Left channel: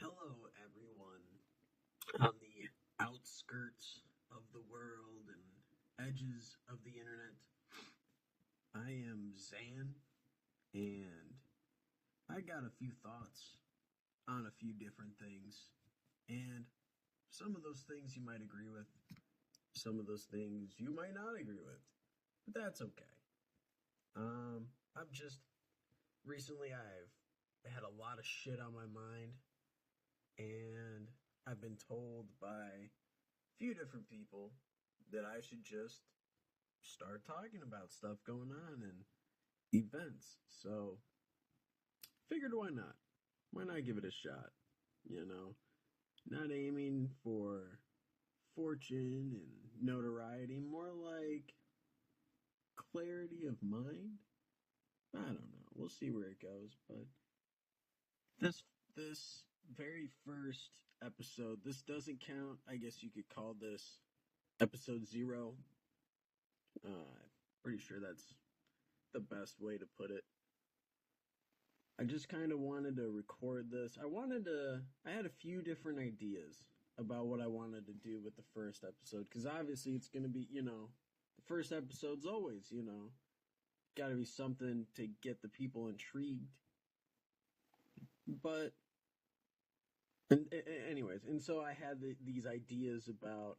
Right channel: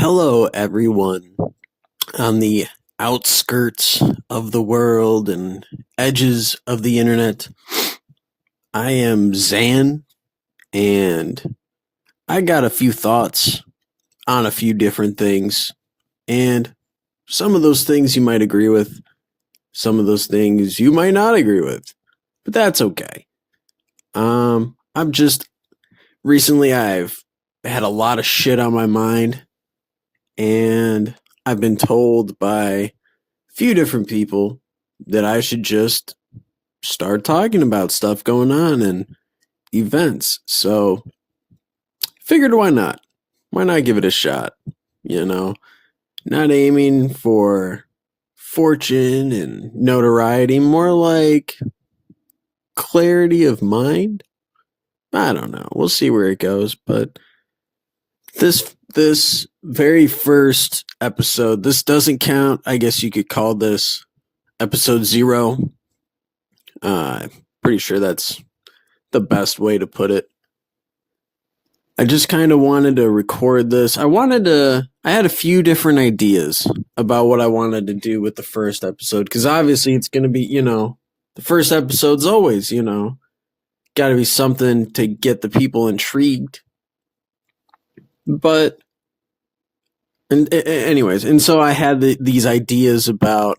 Hello, everyone on the outskirts of the world and edges of the internet. I am Zan, and I got a few thoughts on a few different things. And some of those things you might agree with, some of those things you might not agree with, but that's okay. I'm just recently I've had a lot of shit on my mind, and I've been told by few different people that I should just start talking about stuff going on and events. So figured why not? Why not give it a shot? You know, not aiming for fortune and notoriety, more like clarity of mind. I don't know. We'll see where it goes, but this very first episode, this doesn't count. I guess you could call this episode 0. Pretty sure that's the best way to put it. I just kind of wanted to record this. I had a few different ideas about what I wanted to do with the first episode, because obviously it's going to be, the first episode's always, got to be something to get the people intrigued. But, anyways, and so I had these ideas about,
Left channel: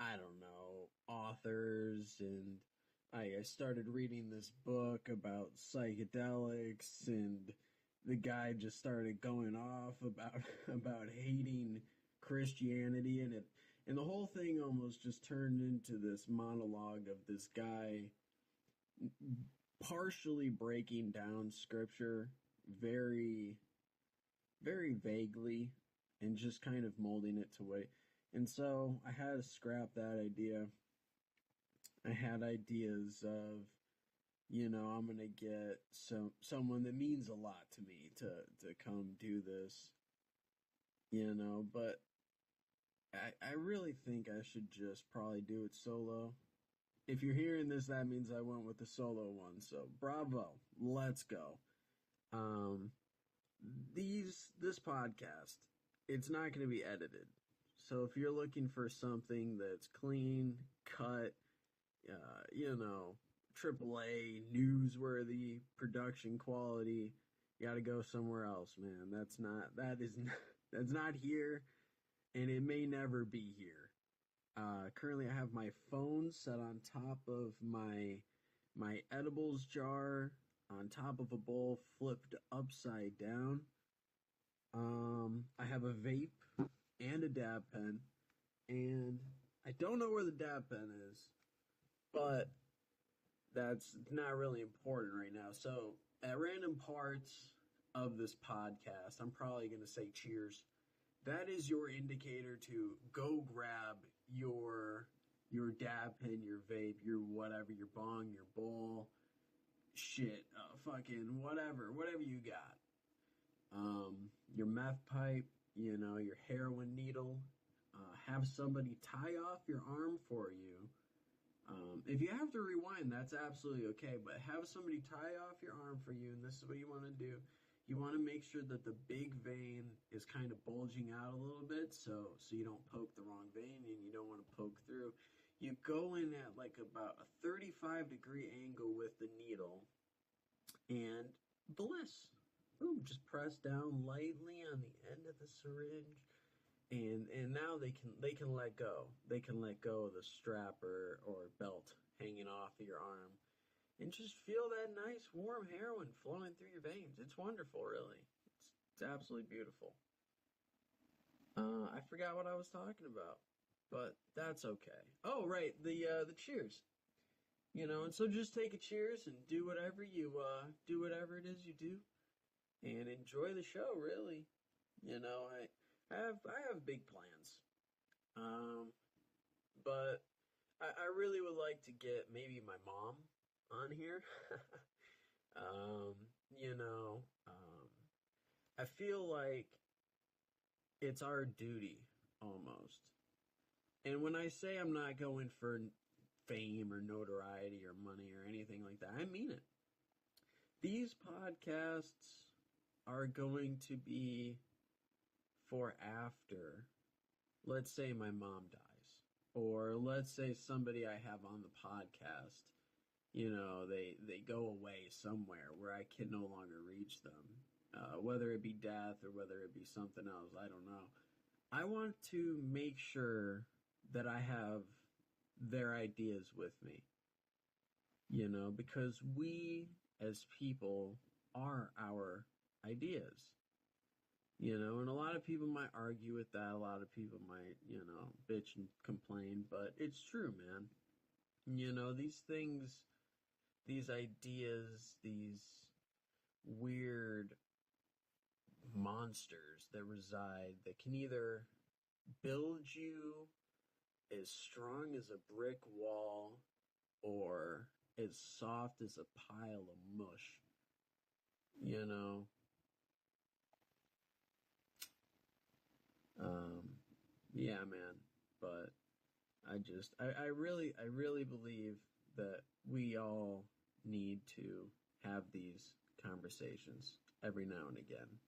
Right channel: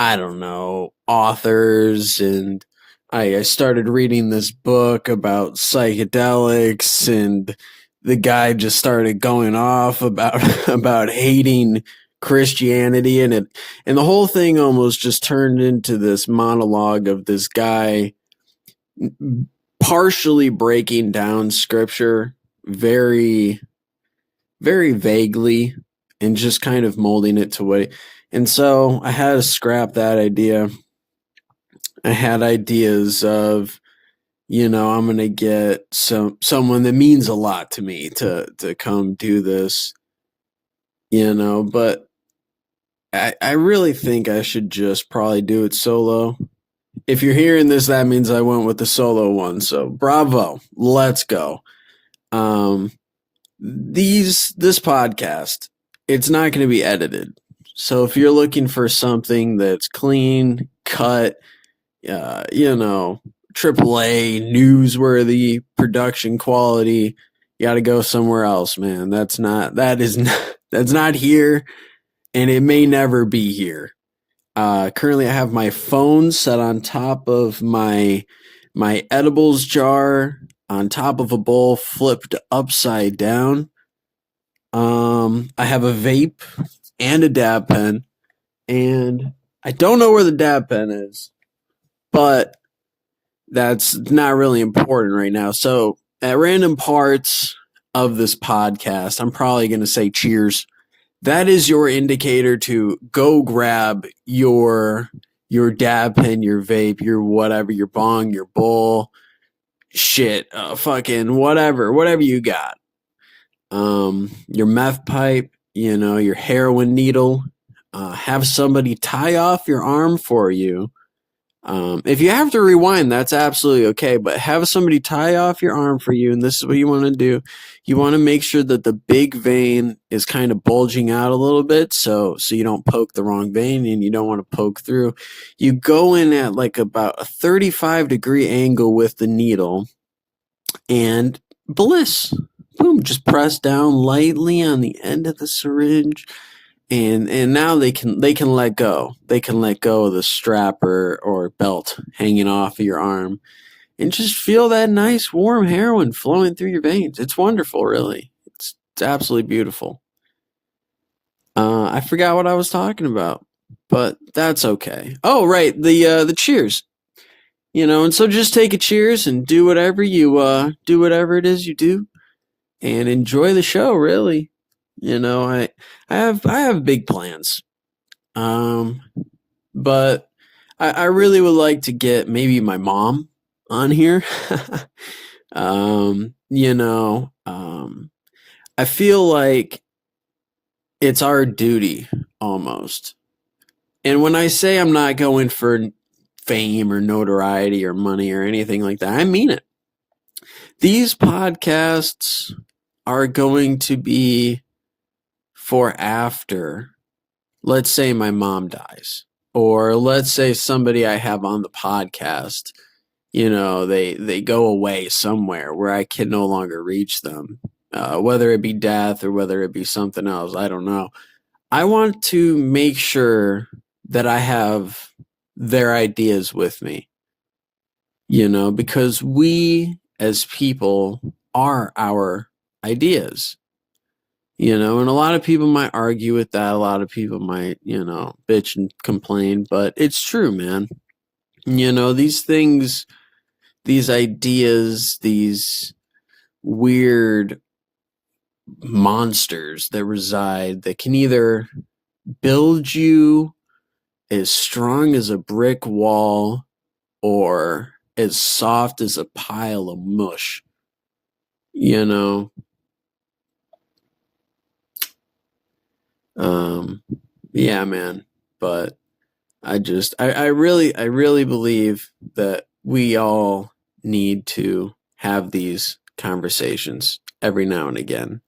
I don't know, authors, and I started reading this book about psychedelics, and the guy just started going off about about hating Christianity, and the whole thing almost just turned into this monologue of this guy partially breaking down scripture very very vaguely and just kind of molding it to what. And so I had to scrap that idea. I had ideas of, I'm gonna get someone that means a lot to me to come do this, but I really think I should just probably do it solo. If you're hearing this, that means I went with the solo one. So bravo, let's go. This podcast, it's not going to be edited. So if you're looking for something that's clean, cut, AAA, newsworthy production quality, you got to go somewhere else, man. That's not here, and it may never be here. Currently I have my phone set on top of my edibles jar on top of a bowl flipped upside down. I have a vape and a dab pen, and I don't know where the dab pen is, but that's not really important right now. So at random parts of this podcast, I'm probably going to say cheers. That is your indicator to go grab your dab pen, your vape, your whatever, your bong, your bowl, shit, fucking whatever you got. Your meth pipe, your heroin needle. Have somebody tie off your arm for you. If you have to rewind, that's absolutely okay, but have somebody tie off your arm for you, and this is what you want to do. You want to make sure that the big vein is kind of bulging out a little bit, so you don't poke the wrong vein, and you don't want to poke through. You go in at like about a 35-degree angle with the needle, and bliss. Boom, just press down lightly on the end of the syringe, and now they can let go. They can let go of the strap or belt hanging off of your arm, and just feel that nice warm heroin flowing through your veins. It's wonderful, really. It's absolutely beautiful. I forgot what I was talking about, but that's okay. Oh, right, the cheers. And so just take a cheers and do whatever it is you do, and enjoy the show, really. I have big plans. But I really would like to get maybe my mom on here. um, you know, um, I feel like it's our duty almost. And when I say I'm not going for fame or notoriety or money or anything like that, I mean it. These podcasts are going to be for after, let's say my mom dies, or let's say somebody I have on the podcast, they go away somewhere where I can no longer reach them, whether it be death or whether it be something else, I don't know. I want to make sure that I have their ideas with me, because we as people are our ideas, and a lot of people might argue with that. A lot of people might, bitch and complain, but it's true, man. These things, these ideas, these weird monsters that reside that can either build you as strong as a brick wall or as soft as a pile of mush, you know. Yeah, man. But I really believe that we all need to have these conversations every now and again.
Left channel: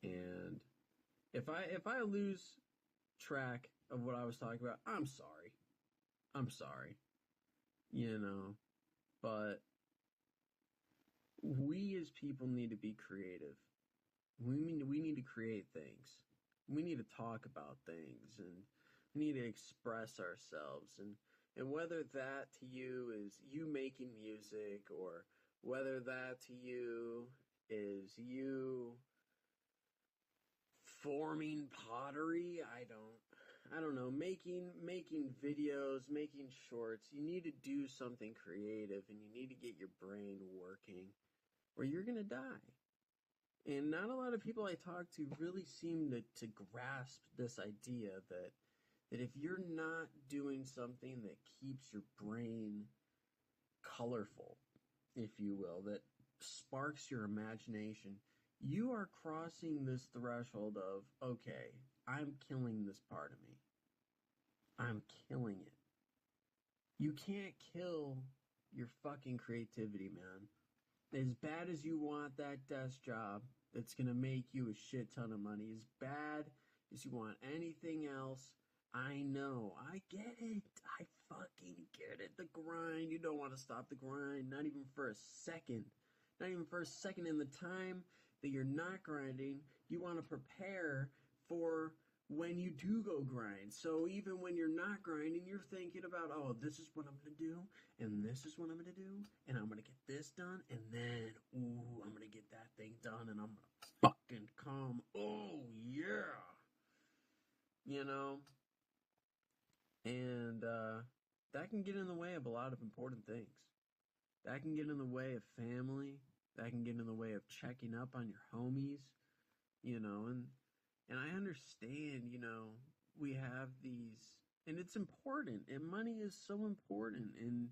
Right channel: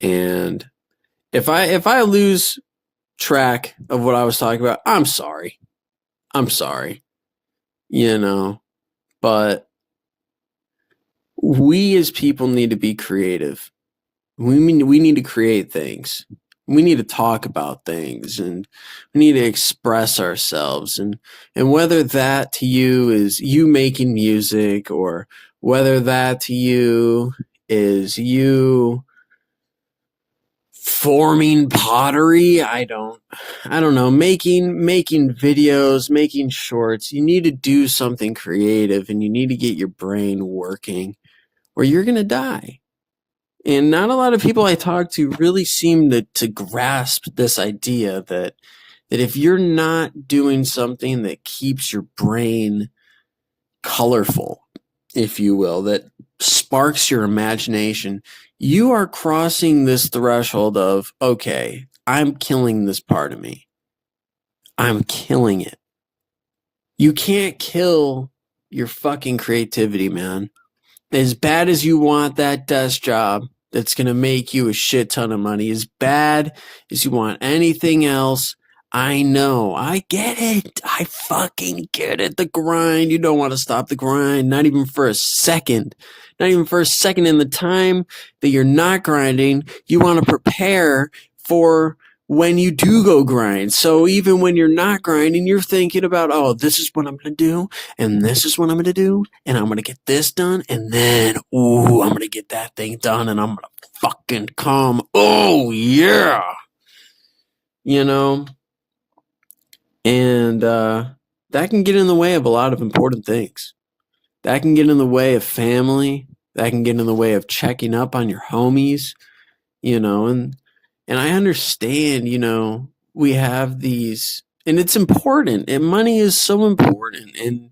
And if I lose track of what I was talking about, I'm sorry. I'm sorry. But we as people need to be creative. We need to create things. We need to talk about things, and we need to express ourselves. And whether that to you is you making music, or whether that to you is you forming pottery, I don't know, making videos, making shorts, you need to do something creative, and you need to get your brain working, or you're going to die. And not a lot of people I talk to really seem to grasp this idea that if you're not doing something that keeps your brain colorful, if you will, that sparks your imagination, you are crossing this threshold of, okay, I'm killing this part of me. I'm killing it. You can't kill your fucking creativity, man. As bad as you want that desk job that's going to make you a shit ton of money, as bad as you want anything else, I know. I get it. I fucking get it. The grind. You don't want to stop the grind, not even for a second. Not even for a second. In the time that you're not grinding, you want to prepare for when you do go grind. So even when you're not grinding, you're thinking about, oh, this is what I'm going to do, and this is what I'm going to do, and I'm going to get this done, and then, ooh, I'm going to get that thing done, and I'm going to fucking come. Oh, yeah. And that can get in the way of a lot of important things. That can get in the way of family. That can get in the way of checking up on your homies, and I understand, we have these, and it's important, and money is so important, and,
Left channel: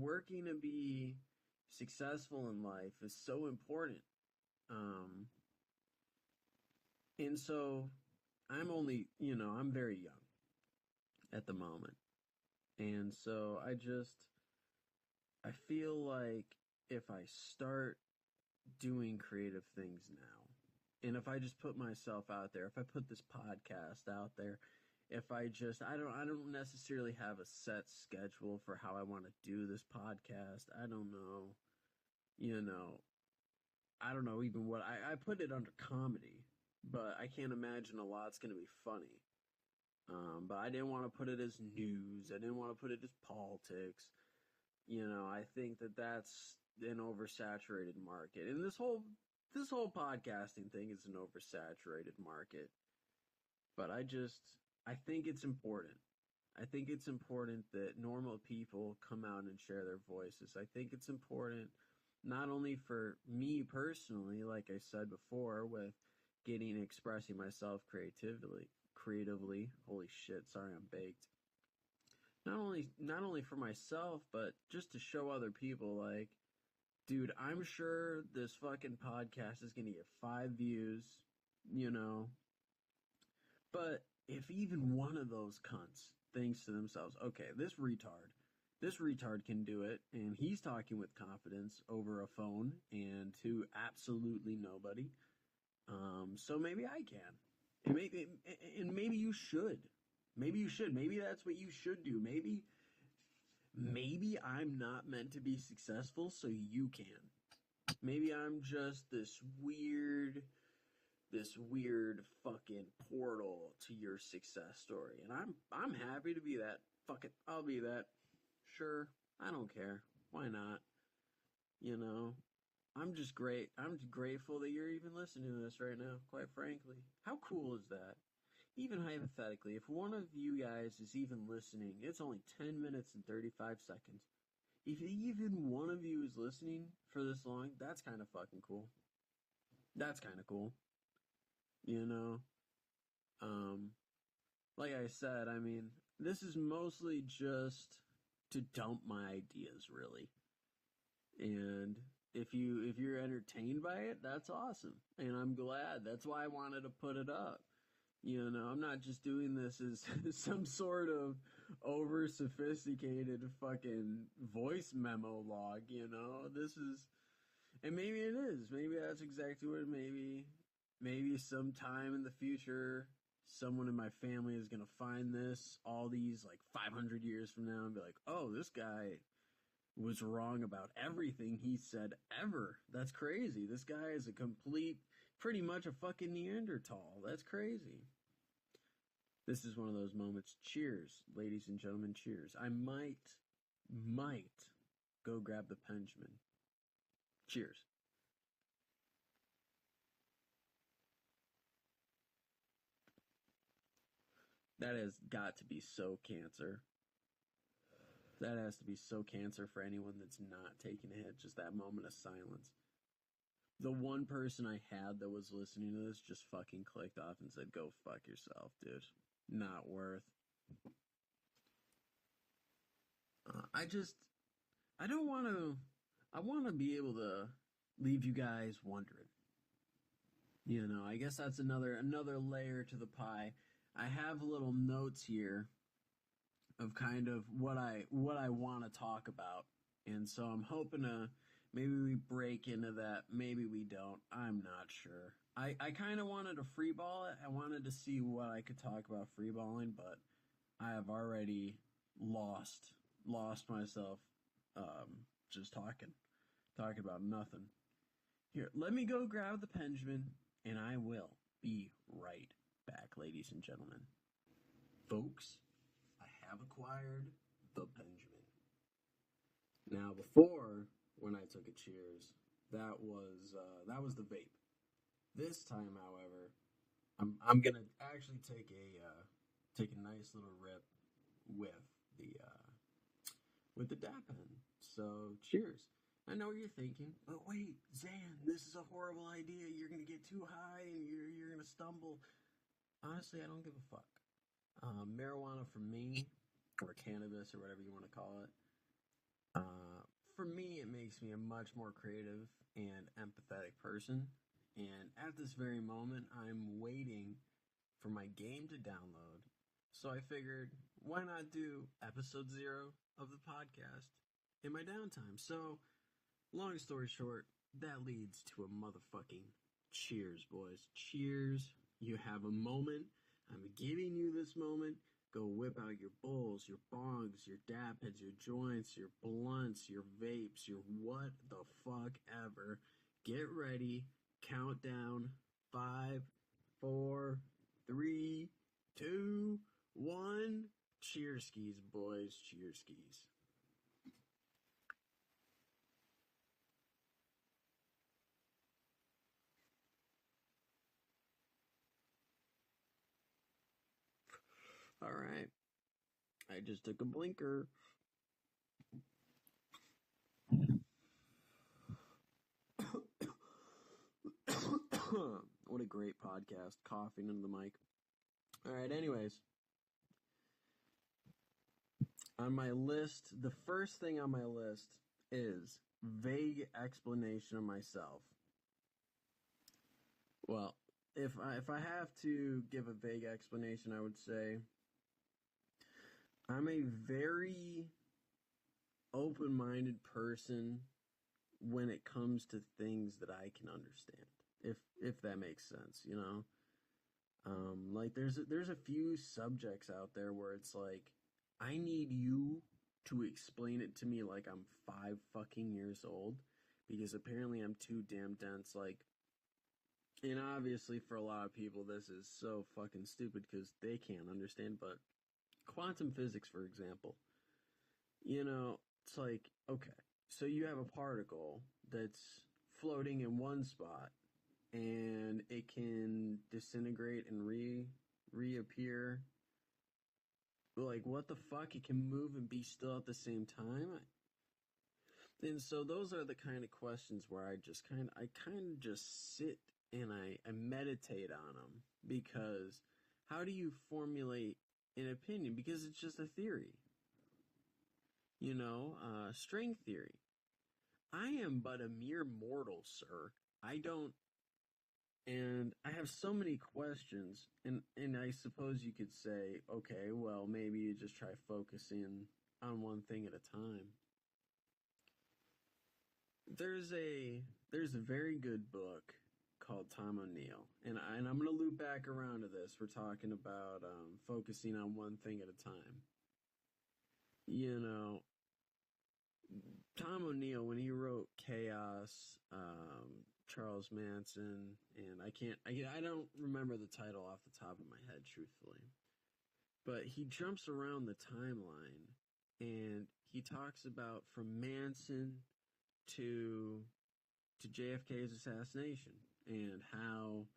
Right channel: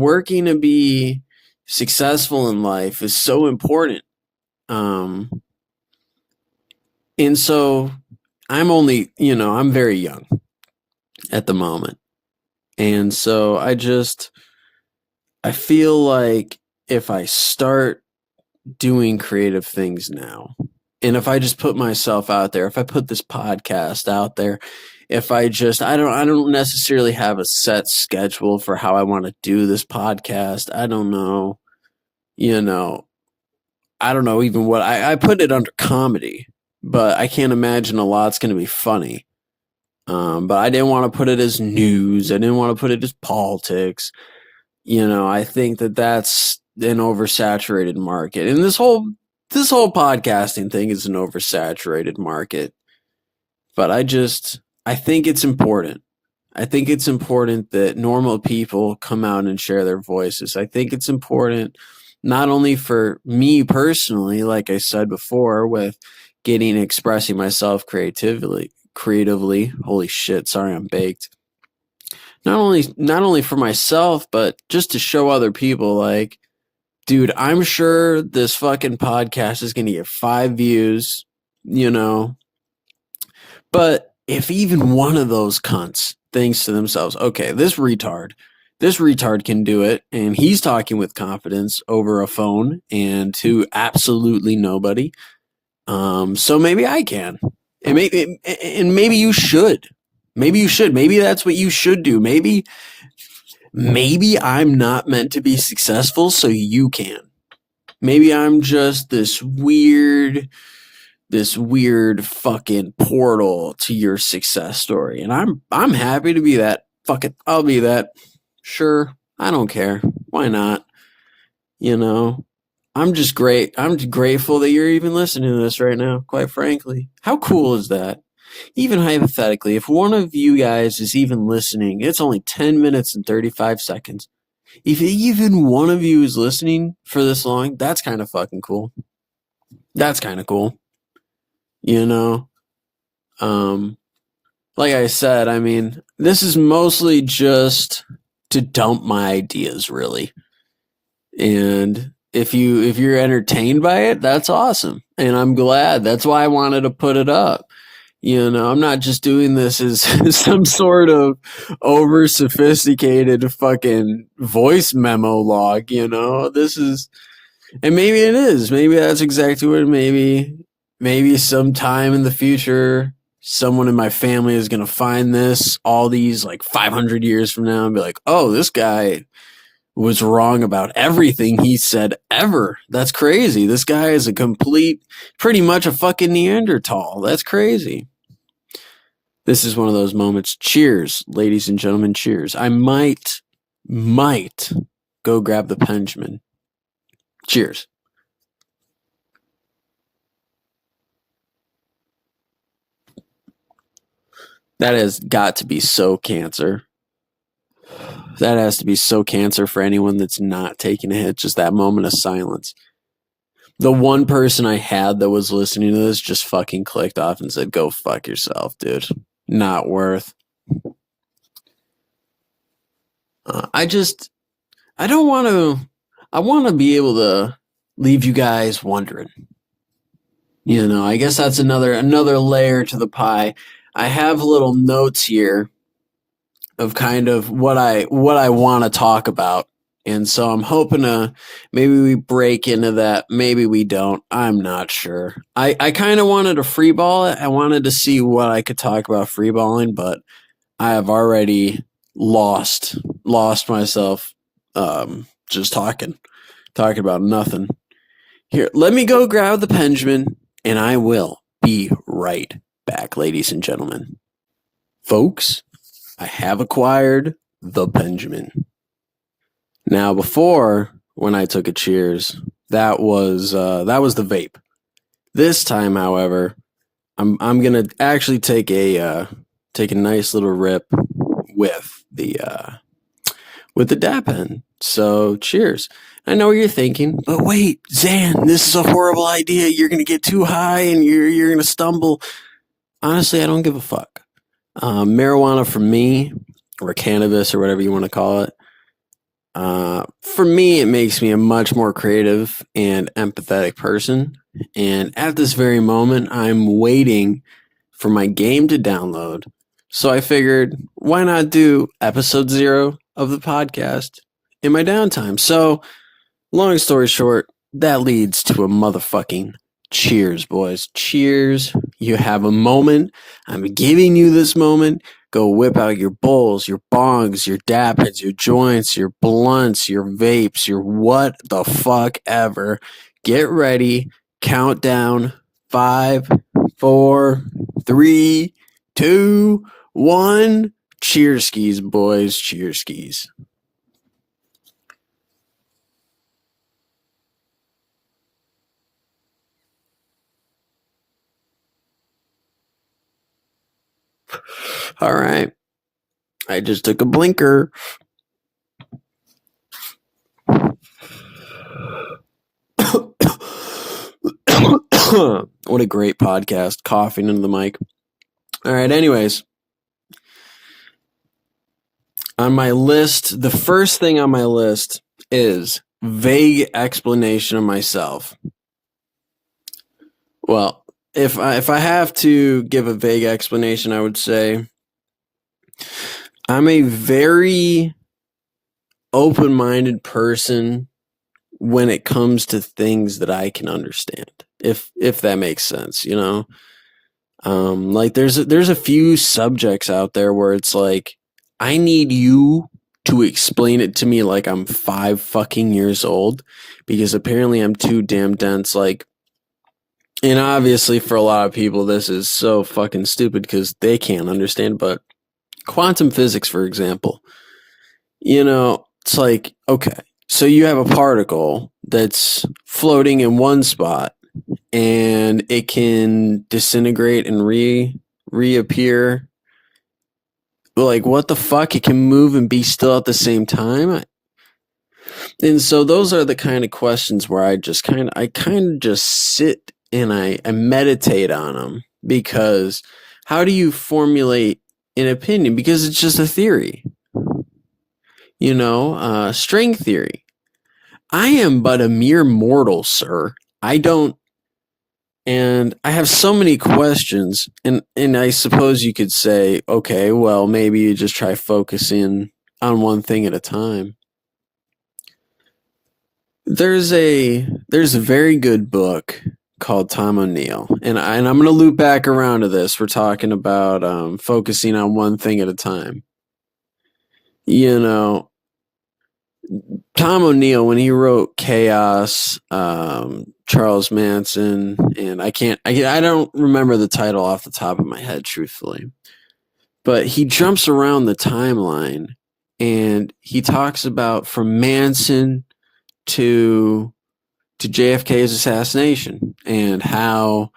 working to be successful in life is so important. And so I'm very young at the moment. And so I feel like if I start doing creative things now, and if I just put myself out there, if I put this podcast out there, if I don't necessarily have a set schedule for how I want to do this podcast. I don't know, I don't know even what I put it under comedy, but I can't imagine a lot's going to be funny. But I didn't want to put it as news. I didn't want to put it as politics. I think that that's an oversaturated market, and this whole podcasting thing is an oversaturated market. But I think it's important. I think it's important that normal people come out and share their voices. I think it's important not only for me personally, like I said before, with expressing myself creatively. Holy shit, sorry, I'm baked. Not only for myself, but just to show other people, like, dude, I'm sure this fucking podcast is going to get 5 views, But if even one of those cunts thinks to themselves, okay, this retard can do it, and he's talking with confidence over a phone and to absolutely nobody, so maybe I can. maybe you should. Maybe you should. Maybe that's what you should do. Maybe I'm not meant to be successful so you can. Maybe I'm just this weird fucking portal to your success story. And I'm happy to be that. Fuck it. I'll be that. Sure. I don't care. Why not? You know, I'm just great. I'm grateful that you're even listening to this right now, quite frankly. How cool is that? Even hypothetically, if one of you guys is even listening, it's only 10 minutes and 35 seconds. If even one of you is listening for this long, that's kind of fucking cool. That's kind of cool. You know? Like I said, I mean, this is mostly just to dump my ideas, really. And if you're entertained by it, that's awesome. And I'm glad. That's why I wanted to put it up. You know, I'm not just doing this as some sort of over sophisticated fucking voice memo log, you know. This is, and maybe it is. Maybe that's exactly what maybe sometime in the future someone in my family is going to find this all these like 500 years from now and be like, "Oh, this guy was wrong about everything he said ever. That's crazy. This guy is pretty much a fucking Neanderthal. That's crazy." This is one of those moments. Cheers, ladies and gentlemen, cheers. I might go grab the Benjamin. Cheers. That has got to be so cancer. That has to be so cancer for anyone that's not taking a hit. Just that moment of silence. The one person I had that was listening to this just fucking clicked off and said, "Go fuck yourself, dude. Not worth." I don't want to. I want to be able to leave you guys wondering. You know, I guess that's another layer to the pie. I have little notes here of kind of what I want to talk about. And so I'm hoping to maybe we break into that. Maybe we don't. I'm not sure. I kind of wanted to freeball it. I wanted to see what I could talk about freeballing, but I have already lost myself just talking about nothing. Here, let me go grab the Benjamin, and I will be right back, ladies and gentlemen. Folks, I have acquired the Benjamin. Now, before, when I took a cheers, that was the vape. This time, however, I'm gonna actually take a nice little rip with the dab pen. So, cheers. I know what you're thinking, but wait, Zan, this is a horrible idea. You're gonna get too high and you're gonna stumble. Honestly, I don't give a fuck. Marijuana for me, or cannabis, or whatever you want to call it. For me, it makes me a much more creative and empathetic person. And at this very moment, I'm waiting for my game to download. So I figured, why not do episode 0 of the podcast in my downtime? So, long story short, that leads to a motherfucking cheers, boys. Cheers. You have a moment. I'm giving you this moment. Go whip out your bowls, your bongs, your dab heads, your joints, your blunts, your vapes, your what the fuck ever. Get ready. Countdown. 5, 4, 3, 2, 1. Cheers skis, boys. Cheers skis. All right. I just took a blinker. What a great podcast. Coughing into the mic. All right. Anyways, on my list, the first thing on my list is vague explanation of myself. Well, if I have to give a vague explanation, I would say I'm a very open-minded person when it comes to things that I can understand, if that makes sense, you know. Like there's a few subjects out there where it's like I need you to explain it to me like I'm 5 fucking years old because apparently I'm too damn dense. Like, and obviously for a lot of people this is so fucking stupid because they can't understand. But quantum physics, for example, it's like okay, so you have a particle that's floating in one spot and it can disintegrate and reappear. Like what the fuck? It can move and be still at the same time. And so those are the kind of questions where I kind of just sit and I meditate on them because how do you formulate an opinion? Because it's just a theory, string theory. I am but a mere mortal, sir. I don't And I have so many questions, and I suppose you could say, okay, well, maybe you just try focusing on one thing at a time. There's a very good book called Tom O'Neill, and I'm going to loop back around to this. We're talking about focusing on one thing at a time. You know, Tom O'Neill, when he wrote Chaos, Charles Manson, and I don't remember the title off the top of my head, truthfully, but he jumps around the timeline and he talks about from Manson to JFK's assassination and how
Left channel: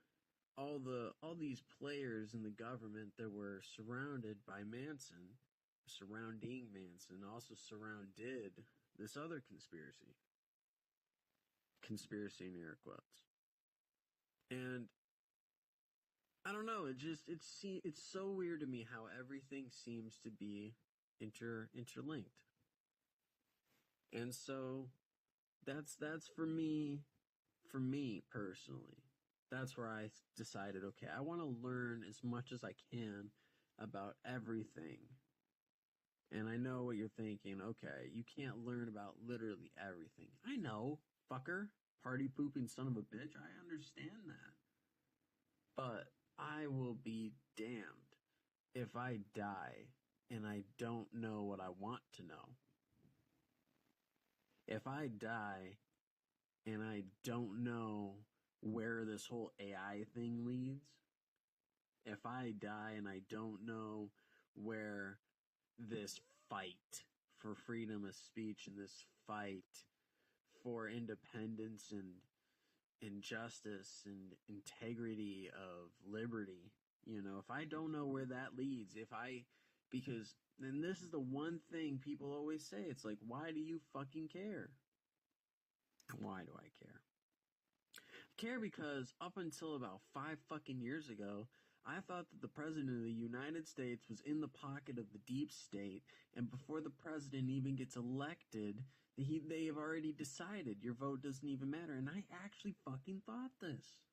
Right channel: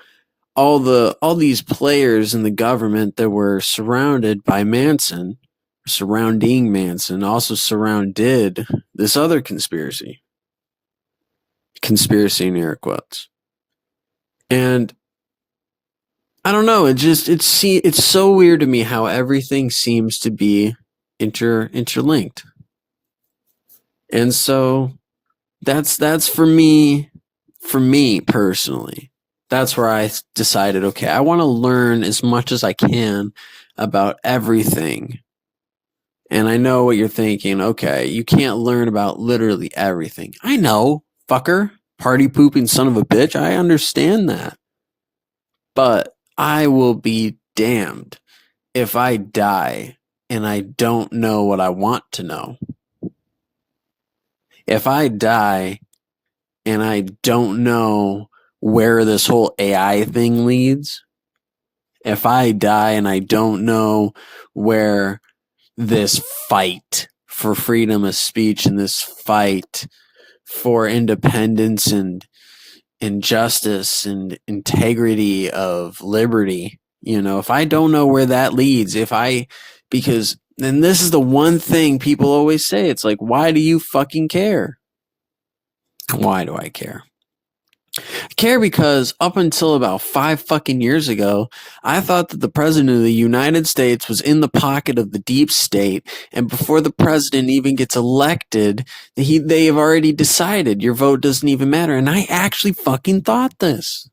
all these players in the government that were surrounded by Manson, surrounding Manson, also surrounded this other conspiracy in air quotes. And I don't know, it's so weird to me how everything seems to be interlinked. And so that's for me personally. That's where I decided, okay, I want to learn as much as I can about everything. And I know what you're thinking. Okay, you can't learn about literally everything. I know, fucker, party pooping son of a bitch. I understand that. But I will be damned if I die and I don't know what I want to know. If I die and I don't know where this whole AI thing leads, if I die and I don't know where this fight for freedom of speech and this fight for independence and justice and integrity of liberty, if I don't know where that leads, because then this is the one thing people always say, it's like, why do you fucking care? Why do I care? I care because up until about 5 fucking years ago, I thought that the president of the United States was in the pocket of the deep state, and before the president even gets elected, they have already decided your vote doesn't even matter. And I actually fucking thought this.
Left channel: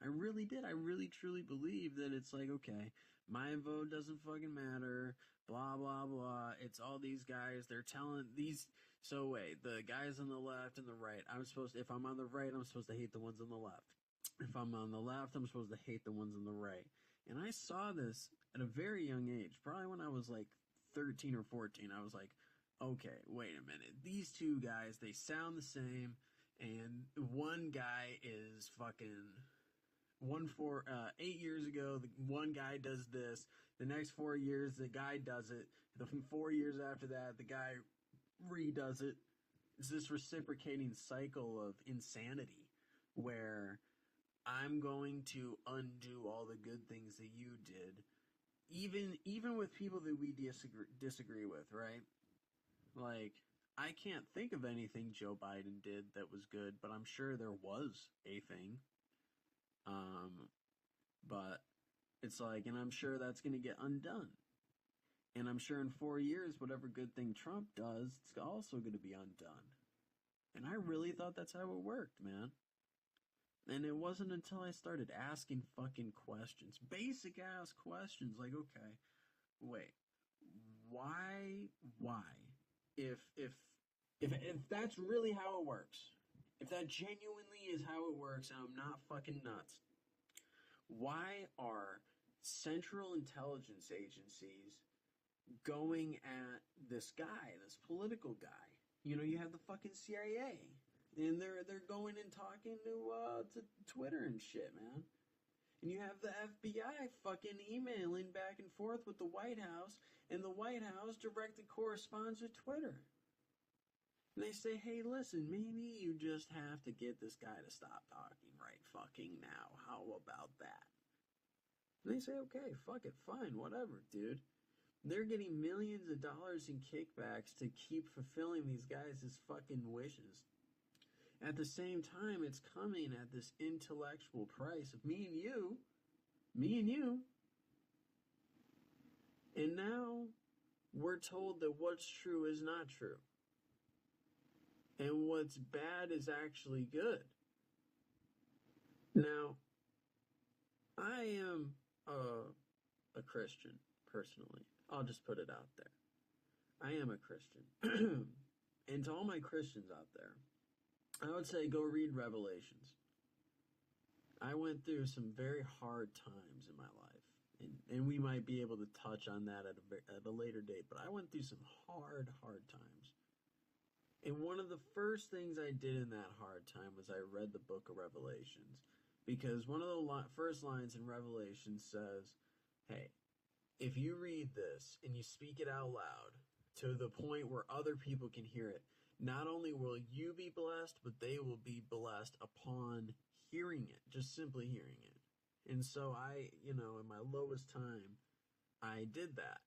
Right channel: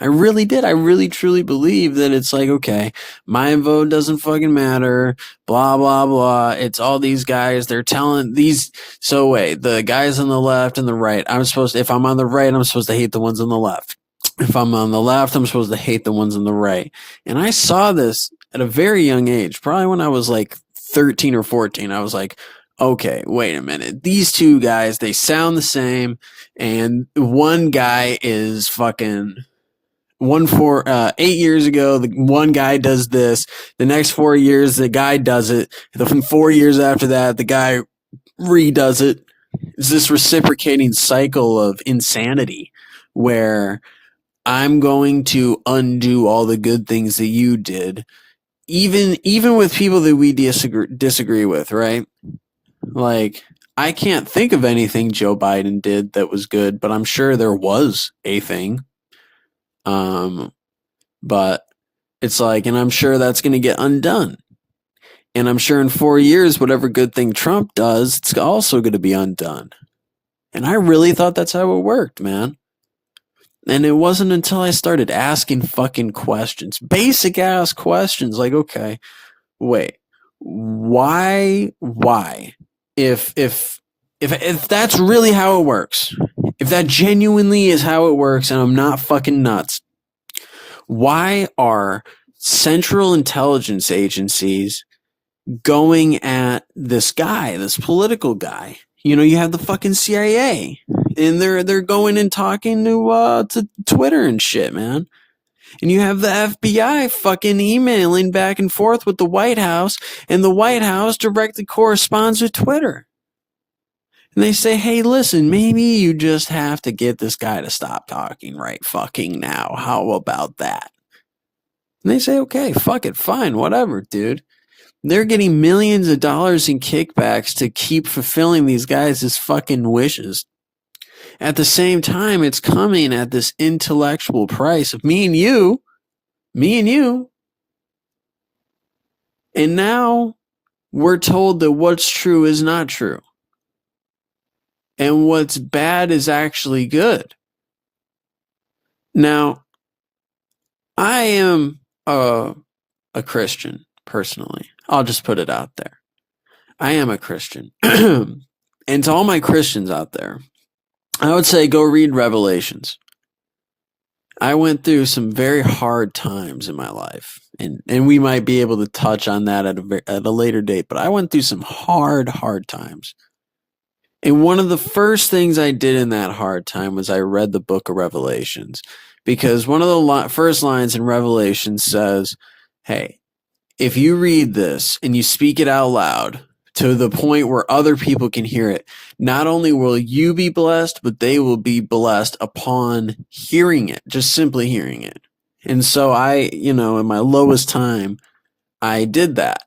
I really did. I really truly believe that it's like, okay, my vote doesn't fucking matter, blah, blah, blah. It's all these guys. They're telling these. So wait, the guys on the left and the right, if I'm on the right, I'm supposed to hate the ones on the left. If I'm on the left, I'm supposed to hate the ones on the right. And I saw this at a very young age, probably when I was like 13 or 14. I was like, okay, wait a minute. These two guys, they sound the same. And one guy is fucking 8 years ago, the one guy does this. The next 4 years, the guy does it. The 4 years after that, the guy redoes it. It's this reciprocating cycle of insanity where I'm going to undo all the good things that you did, even with people that we disagree with, right? Like, I can't think of anything Joe Biden did that was good, but I'm sure there was a thing. But it's like, and I'm sure that's going to get undone. And I'm sure in 4 years, whatever good thing Trump does, it's also going to be undone. And I really thought that's how it worked, man. And it wasn't until I started asking fucking questions, basic ass questions, like, okay, wait, why? If that's really how it works, if that genuinely is how it works, and I'm not fucking nuts, why are Central intelligence agencies going at this guy, this political guy. You know, you have the fucking CIA, and they're going and talking to Twitter and shit, man. And you have the FBI fucking emailing back and forth with the White House, and the White House directly corresponds with Twitter. And they say, hey, listen, maybe you just have to get this guy to stop talking right fucking now. How about that? And they say, okay, fuck it, fine, whatever, dude. They're getting millions of dollars in kickbacks to keep fulfilling these guys' fucking wishes. At the same time, it's coming at this intellectual price of me and you. And now we're told that what's true is not true. And what's bad is actually good. Now, I am a Christian, personally. I'll just put it out there. I am a Christian. And to all my Christians out there, I would say go read Revelations. I went through some very hard times in my life, and we might be able to touch on that at a later date, but I went through some hard times. And one of the first things I did in that hard time was I read the book of Revelations, because one of the first lines in Revelation says, hey, if you read this and you speak it out loud to the point where other people can hear it, not only will you be blessed, but they will be blessed upon hearing it, just simply hearing it. And so I, in my lowest time, I did that.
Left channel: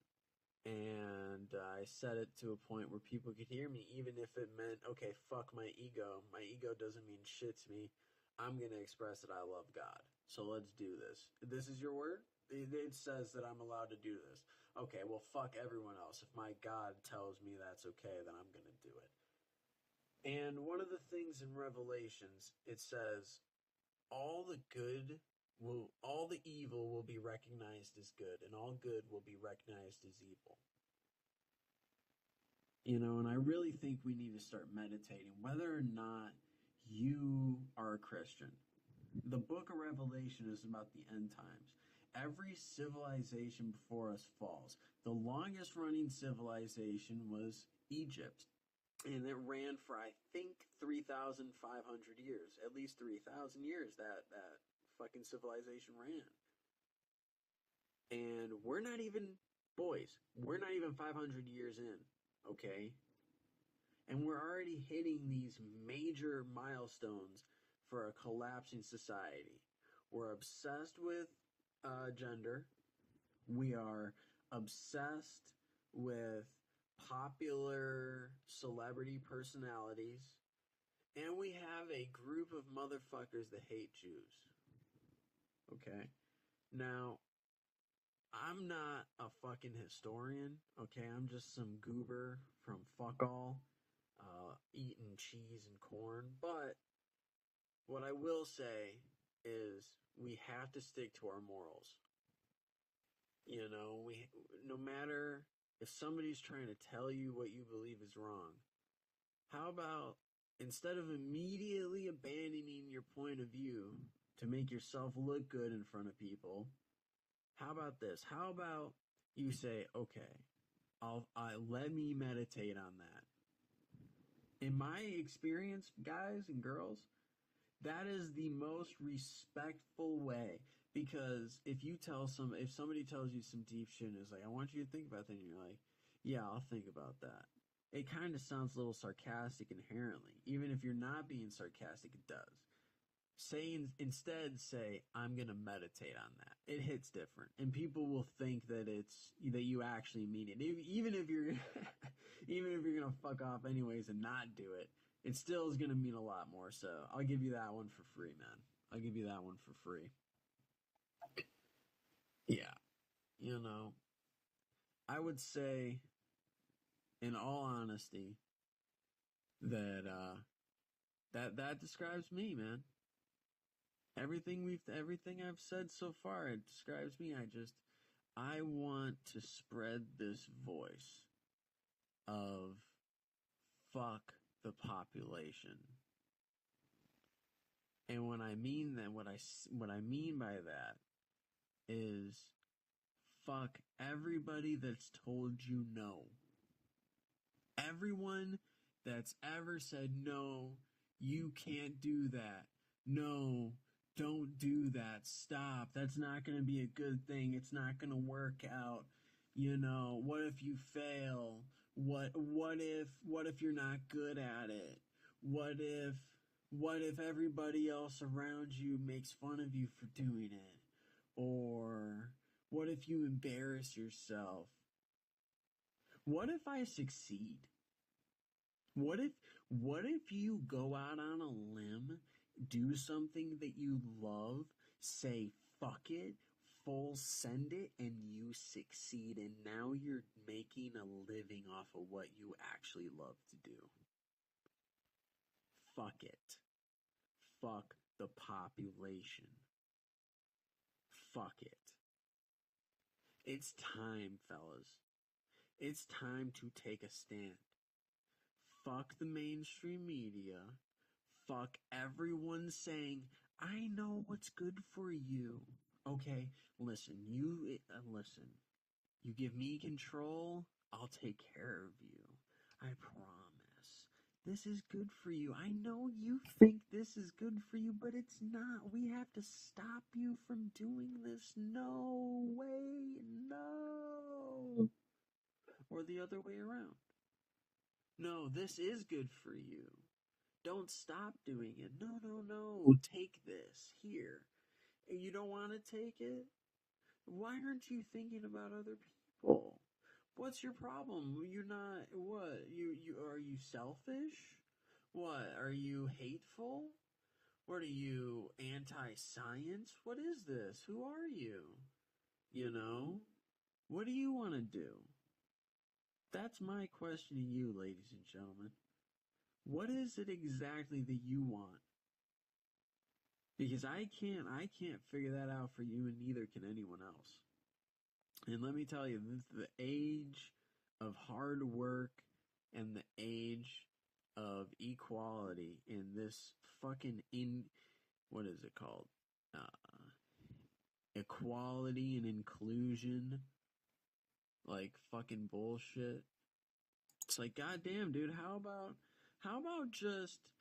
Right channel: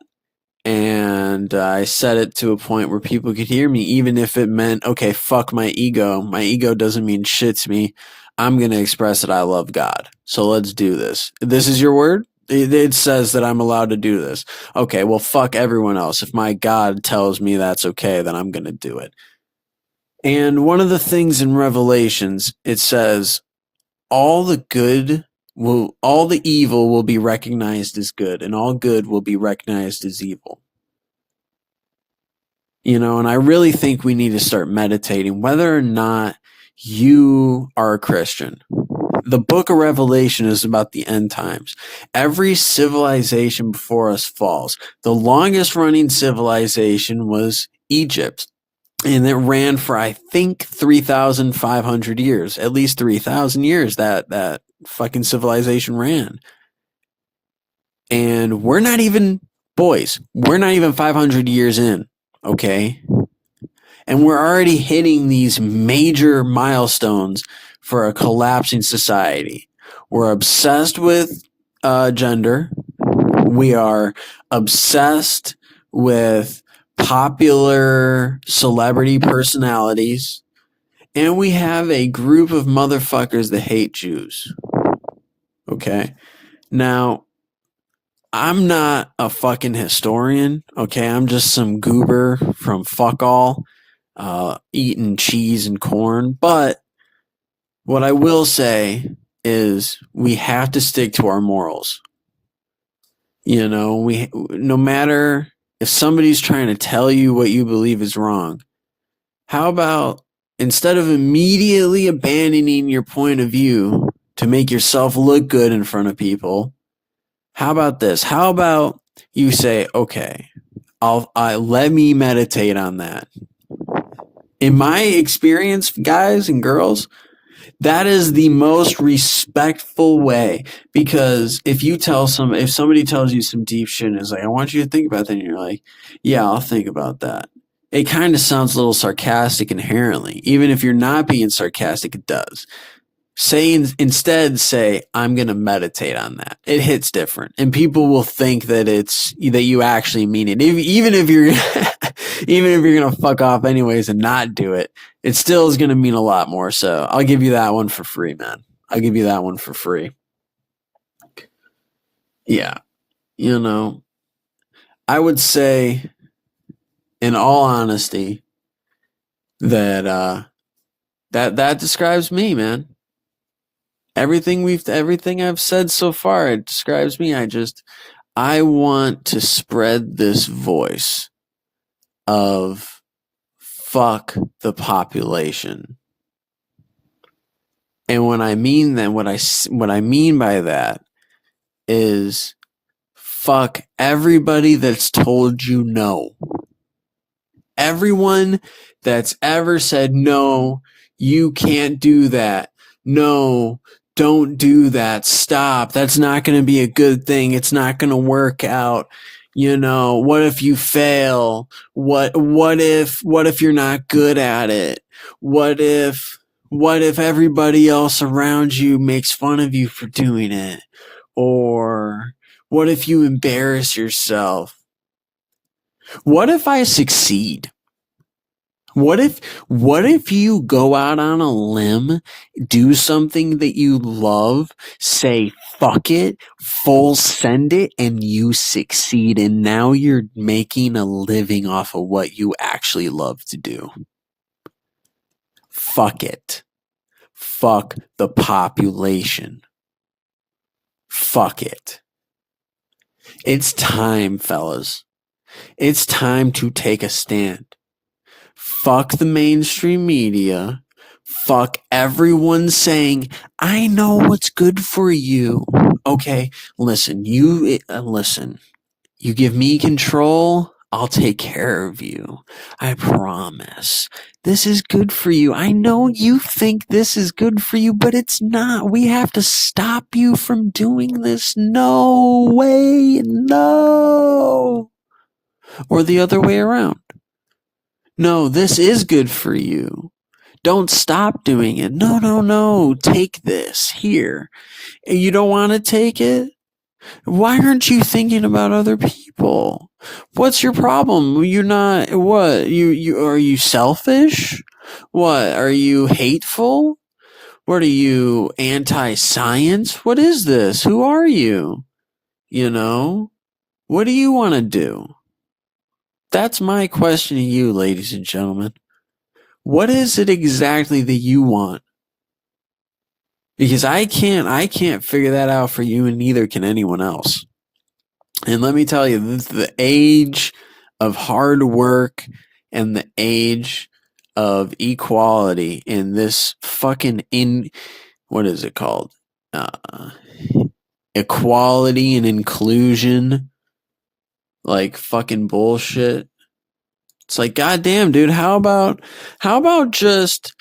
And I set it to a point where people could hear me, even if it meant, okay, fuck my ego. My ego doesn't mean shit to me. I'm going to express that I love God. So let's do this. This is your word? It says that I'm allowed to do this. Okay, well, fuck everyone else. If my God tells me that's okay, then I'm going to do it. And one of the things in Revelations, it says, all the evil will be recognized as good, and all good will be recognized as evil. And I really think we need to start meditating whether or not you are a Christian. The book of Revelation is about the end times. Every civilization before us falls. The longest running civilization was Egypt. And it ran for, I think, 3,500 years. At least 3,000 years that fucking civilization ran. And we're not even 500 years in, okay? And we're already hitting these major milestones for a collapsing society. We're obsessed with gender. We are obsessed with popular celebrity personalities. And we have a group of motherfuckers that hate Jews. Okay? Now, I'm not a fucking historian. Okay? I'm just some goober from fuck all eating cheese and corn. But what I will say is we have to stick to our morals. No matter if somebody's trying to tell you what you believe is wrong, how about instead of immediately abandoning your point of view to make yourself look good in front of people, how about this? How about you say, okay, let me meditate on that. In my experience, guys and girls, that is the most respectful way, because if somebody tells you some deep shit and is like, I want you to think about that, and you're like, yeah, I'll think about that. It kind of sounds a little sarcastic inherently. Even if you're not being sarcastic, it does. Instead say, I'm going to meditate on that. It hits different. And people will think that you actually mean it. Even if you're going to fuck off anyways and not do it, it still is going to mean a lot more. So I'll give you that one for free, man. I'll give you that one for free. Yeah. I would say, in all honesty, that that describes me, man. Everything I've said so far, it describes me. I want to spread this voice of fuck the population. And what I mean by that is fuck everybody that's told you no. Everyone that's ever said, no, you can't do that. No, don't do that. Stop. That's not going to be a good thing. It's not going to work out. What if you fail? What if you're not good at it? What if everybody else around you makes fun of you for doing it? Or what if you embarrass yourself? What if I succeed? What if you go out on a limb, do something that you love, say fuck it, full send it, and you succeed, and now you're making a living off of what you actually love to do? Fuck it. Fuck the population. Fuck it. It's time, fellas. It's time to take a stand. Fuck the mainstream media. Fuck everyone saying, I know what's good for you. Okay, listen, you give me control, I'll take care of you. I promise. This is good for you. I know you think this is good for you, but it's not. We have to stop you from doing this. No way, no. Or the other way around. No, this is good for you. Don't stop doing it. No. Take this. Here. You don't want to take it? Why aren't you thinking about other people? What's your problem? You're not, what? Are you selfish? What? Are you hateful? What are you, anti-science? What is this? Who are you? What do you want to do? That's my question to you, ladies and gentlemen. What is it exactly that you want? Because I can't figure that out for you, and neither can anyone else. And let me tell you, this is the age of hard work and the age of equality in this fucking what is it called? Equality and inclusion, like fucking bullshit. It's like, goddamn, dude, how about just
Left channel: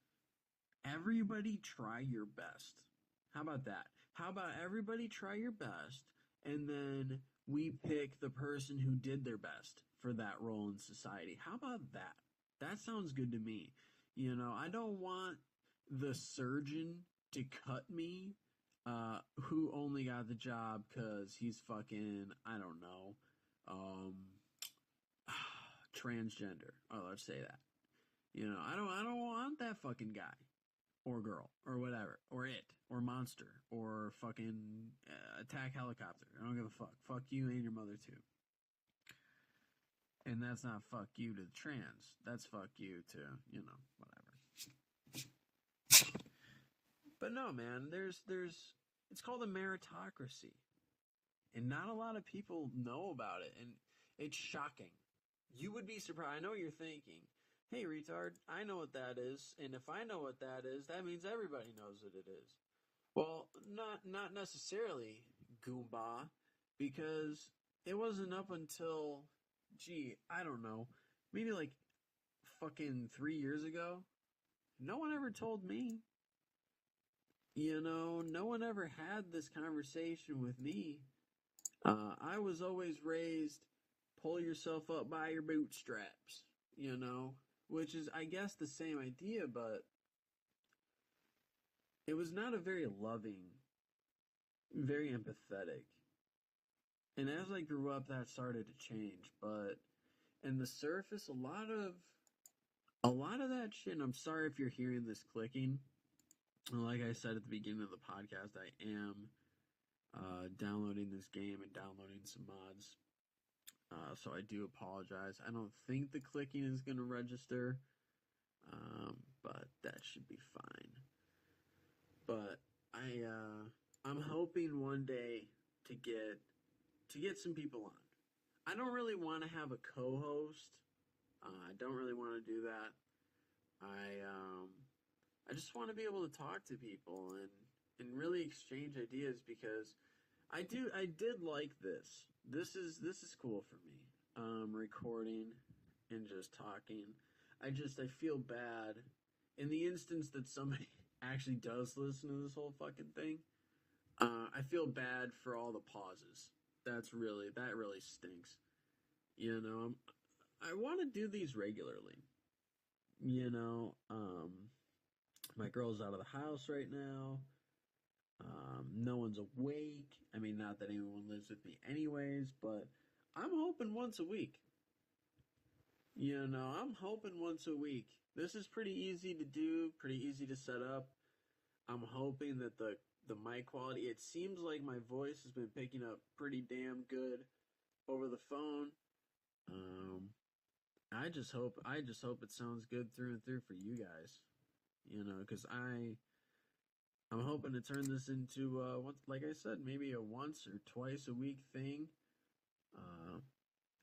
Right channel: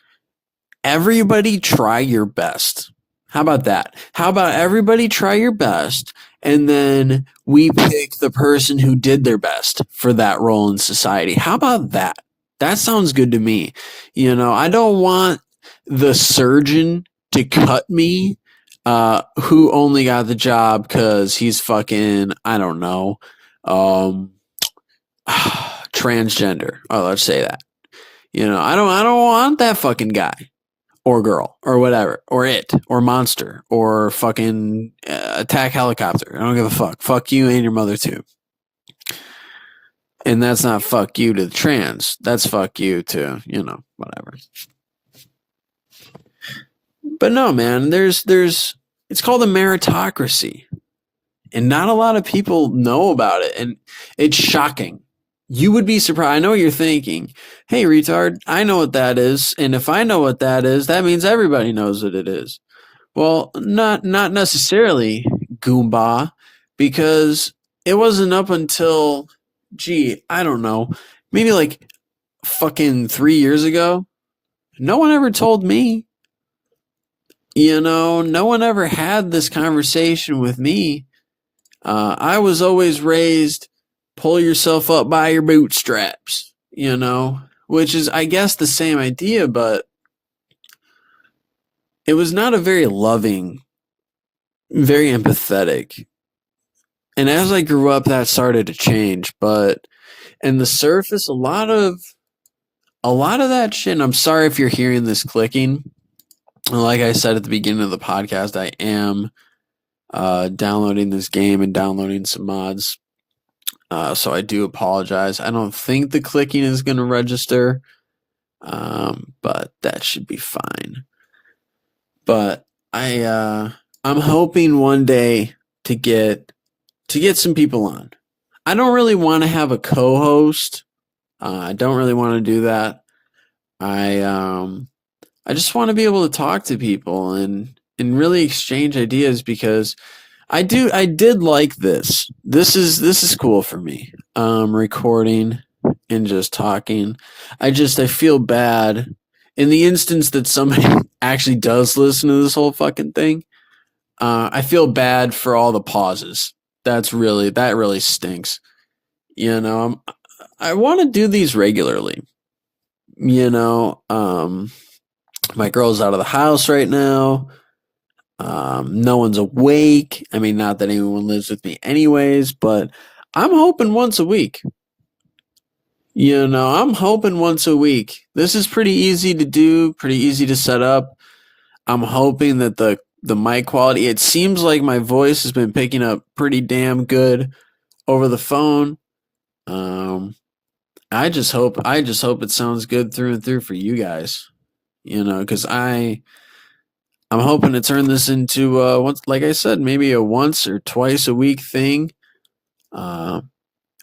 everybody try your best? How about that? How about everybody try your best, and then we pick the person who did their best for that role in society? How about that? That sounds good to me. I don't want the surgeon to cut me who only got the job because he's fucking, I don't know, transgender. Oh, let's say that. I don't want that fucking guy or girl or whatever, or it, or monster, or fucking attack helicopter. I don't give a fuck. Fuck you and your mother too. And that's not fuck you to the trans. That's fuck you to, whatever. But no, man, there's it's called a meritocracy. And not a lot of people know about it. And it's shocking. You would be surprised. I know what you're thinking. Hey, retard, I know what that is. And if I know what that is, that means everybody knows what it is. Well, not necessarily, Goomba, because it wasn't up until, I don't know, maybe like fucking 3 years ago. No one ever told me. No one ever had this conversation with me. I was always raised, pull yourself up by your bootstraps, which is, I guess, the same idea, but it was not a very loving, very empathetic. And as I grew up, that started to change. But in the surface, a lot of that shit, and I'm sorry if you're hearing this clicking. Like I said at the beginning of the podcast, I am downloading this game and downloading some mods. So I do apologize. I don't think the clicking is going to register, but that should be fine. But I'm hoping one day to get some people on. I don't really want to have a co-host. I don't really want to do that. I just want to be able to talk to people and really exchange ideas, because I did like this this is cool for me. Recording and just talking. I feel bad in the instance that somebody actually does listen to this whole fucking thing. I feel bad for all the pauses. That really stinks. You know, I want to do these regularly. You know, my girl's out of the house right now. No one's awake. I mean, not that anyone lives with me anyways, but I'm hoping once a week. You know, I'm hoping once a week. This is pretty easy to do, pretty easy to set up. I'm hoping that the mic quality, it seems like my voice has been picking up pretty damn good over the phone. I just hope it sounds good through and through for you guys. You know, because I'm hoping to turn this into once, like I said, maybe a once or twice a week thing. Uh,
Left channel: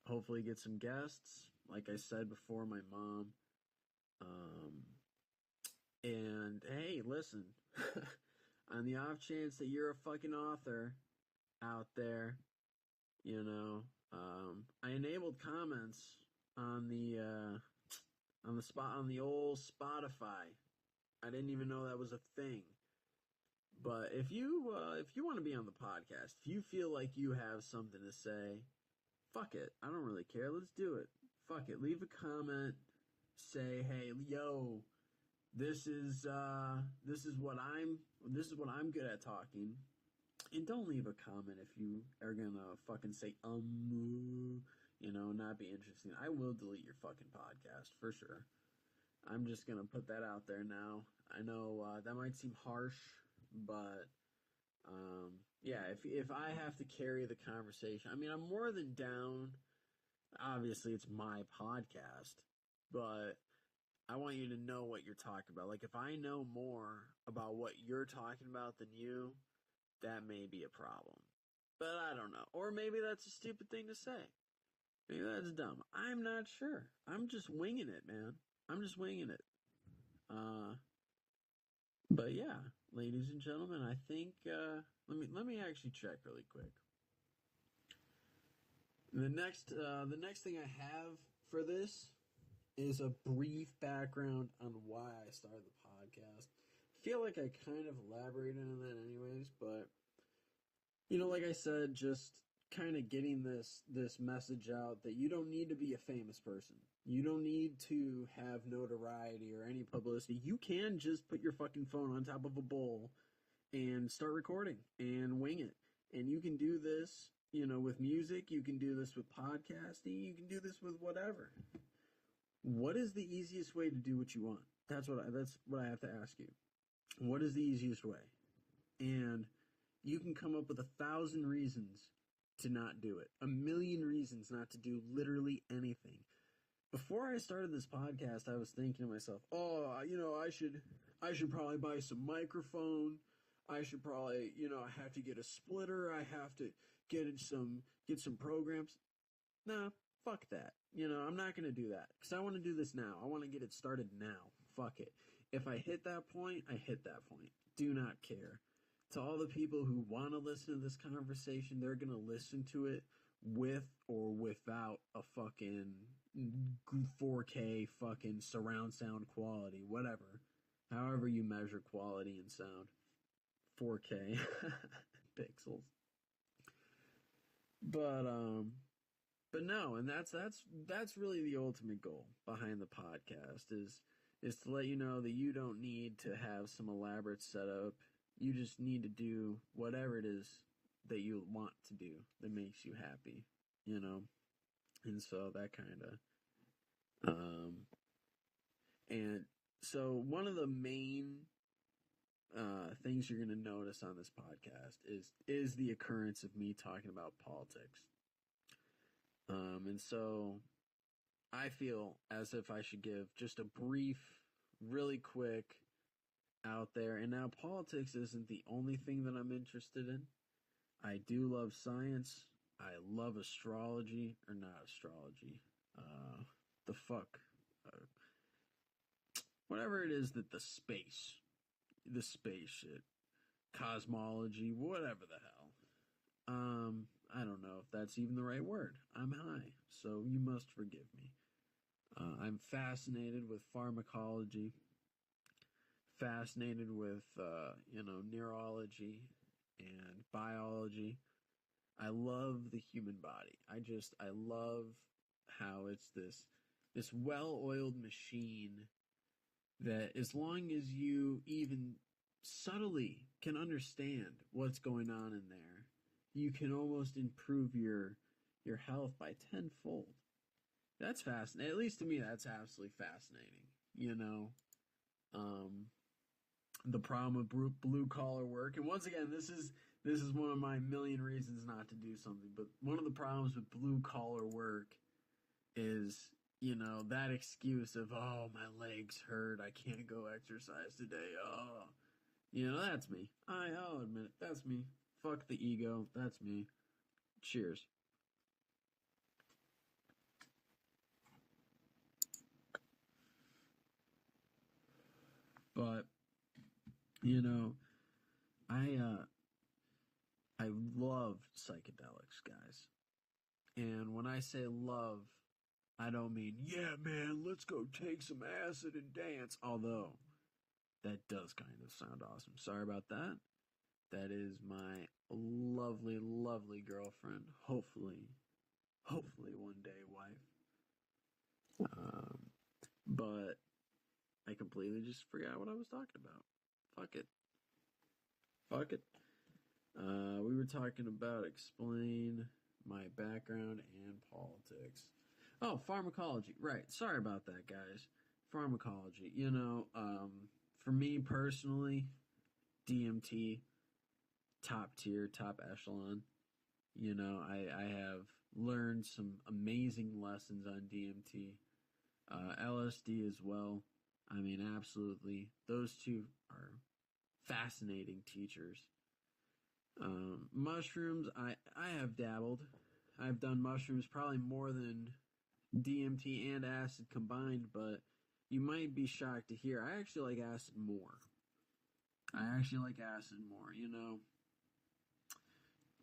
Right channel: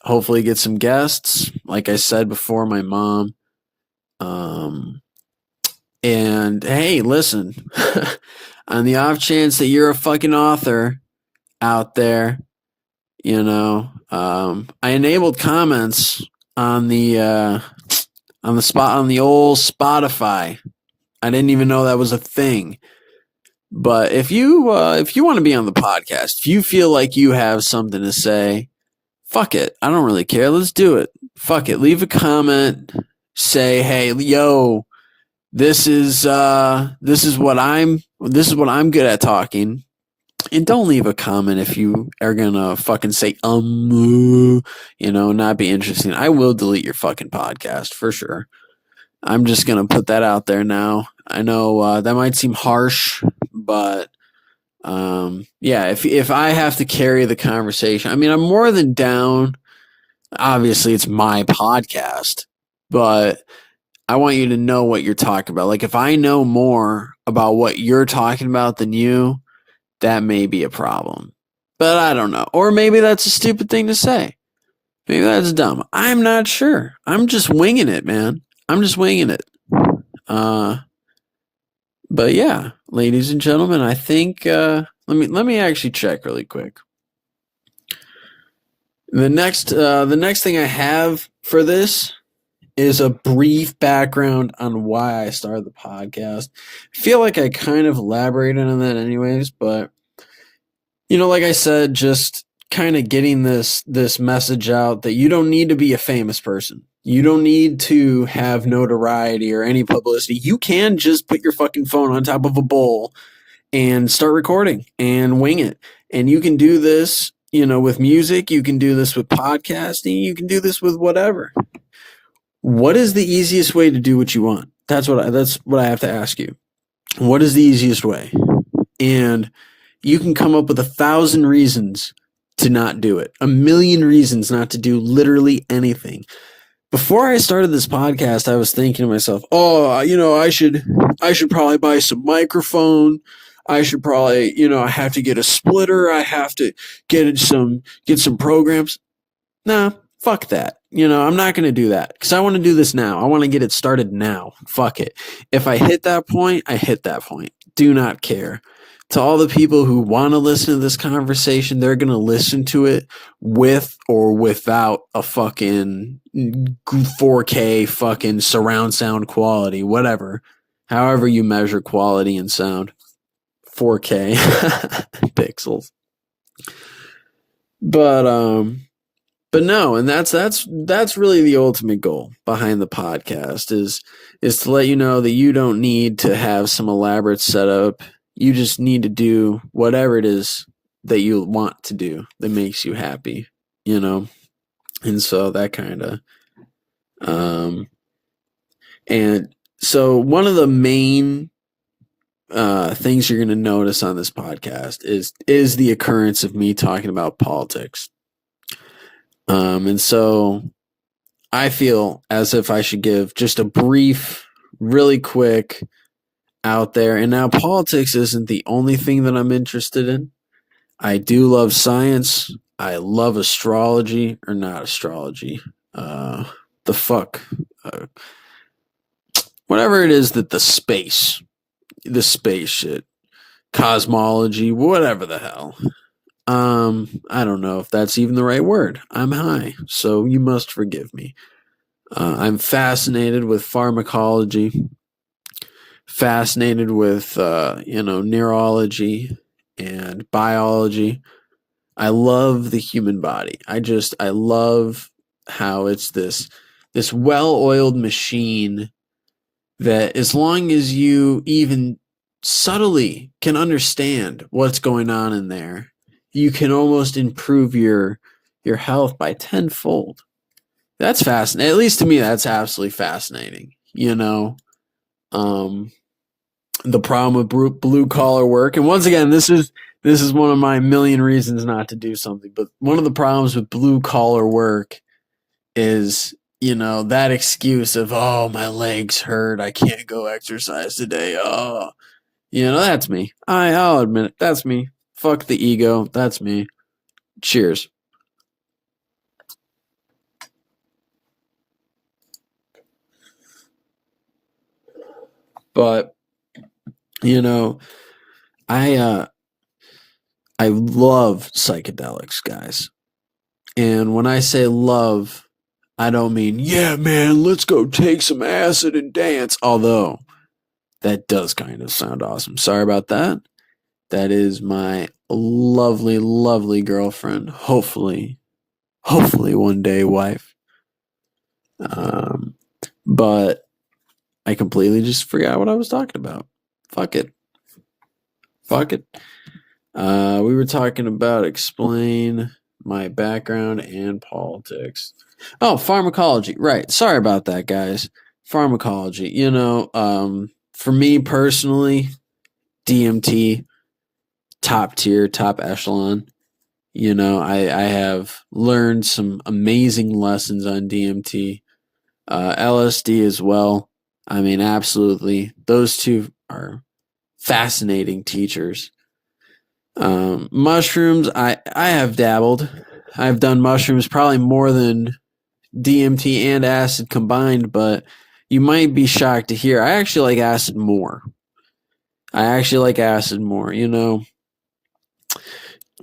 Hopefully get some guests. Like I said before, my mom. And hey, listen, on the off chance that you're a fucking author out there, you know, I enabled comments on the on the old Spotify. I didn't even know that was a thing. But if you want to be on the podcast, if you feel like you have something to say, fuck it. I don't really care. Let's do it. Fuck it. Leave a comment. Say, hey, yo, this is what I'm good at talking. And don't leave a comment if you are gonna fucking say not be interesting. I will delete your fucking podcast for sure. I'm just gonna put that out there now. I know that might seem harsh, but yeah, if I have to carry the conversation, I mean, I'm more than down. Obviously, it's my podcast, but I want you to know what you're talking about. Like, if I know more about what you're talking about than you, that may be a problem. But I don't know. Or maybe that's a stupid thing to say. Maybe that's dumb. I'm not sure. I'm just winging it, man. I'm just winging it. But yeah, ladies and gentlemen, I think let me actually check really quick. The next thing I have for this is a brief background on why I started the podcast. I feel like I kind of elaborated on that anyways, but like I said, just kind of getting this message out that you don't need to be a famous person. You don't need to have notoriety or any publicity. You can just put your fucking phone on top of a bowl and start recording and wing it. And you can do this, with music. You can do this with podcasting. You can do this with whatever. What is the easiest way to do what you want? That's what I have to ask you. What is the easiest way? And you can come up with 1,000 reasons to not do it. 1,000,000 reasons not to do literally anything. Before I started this podcast, I was thinking to myself, I should probably buy some microphone. I should probably, I have to get a splitter. I have to get some programs. Nah, fuck that. I'm not going to do that because I want to do this now. I want to get it started now. Fuck it. If I hit that point, I hit that point. Do not care. To all the people who want to listen to this conversation, they're going to listen to it with or without a fucking 4K fucking surround sound quality, whatever. However you measure quality and sound. 4K pixels. But no, and that's really the ultimate goal behind the podcast is to let you know that you don't need to have some elaborate setup. You just need to do whatever it is that you want to do that makes you happy, And so that kind of and so one of the main things you're going to notice on this podcast is the occurrence of me talking about politics. And so I feel as if I should give just a brief, really quick out there. And now politics isn't the only thing that I'm interested in. I do love science. I love astrology, or not astrology. The fuck. Whatever it is that the space shit, cosmology, whatever the hell. I don't know if that's even the right word. I'm high, so you must forgive me. I'm fascinated with pharmacology, fascinated with neurology and biology. I love the human body. I love how it's this well-oiled machine that, as long as you even subtly can understand what's going on in there, you can almost improve your health by tenfold. That's fascinating. At least to me, that's absolutely fascinating. Um, the problem with blue collar work, and once again, this is one of my million reasons not to do something. But one of the problems with blue collar work is, that excuse of, oh, my legs hurt, I can't go exercise today. Oh, that's me. I'll admit it. That's me. Fuck the ego. That's me. Cheers. But I I love psychedelics, guys. And when I say love, I don't mean, yeah, man, let's go take some acid and dance. Although that does kind of sound awesome. Sorry about that. That is my lovely, lovely girlfriend. Hopefully one day wife. Um, but I completely just forgot what I was talking about. Fuck it. Fuck it. We were talking about explain my background and politics. Oh, pharmacology. Right. Sorry about that, guys. Pharmacology. For me personally, DMT, top tier, top echelon. I have learned some amazing lessons on DMT, LSD as well. I mean, absolutely. Those two are fascinating teachers. Mushrooms, I have dabbled. I've done mushrooms probably more than DMT and acid combined, but you might be shocked to hear I actually like acid more.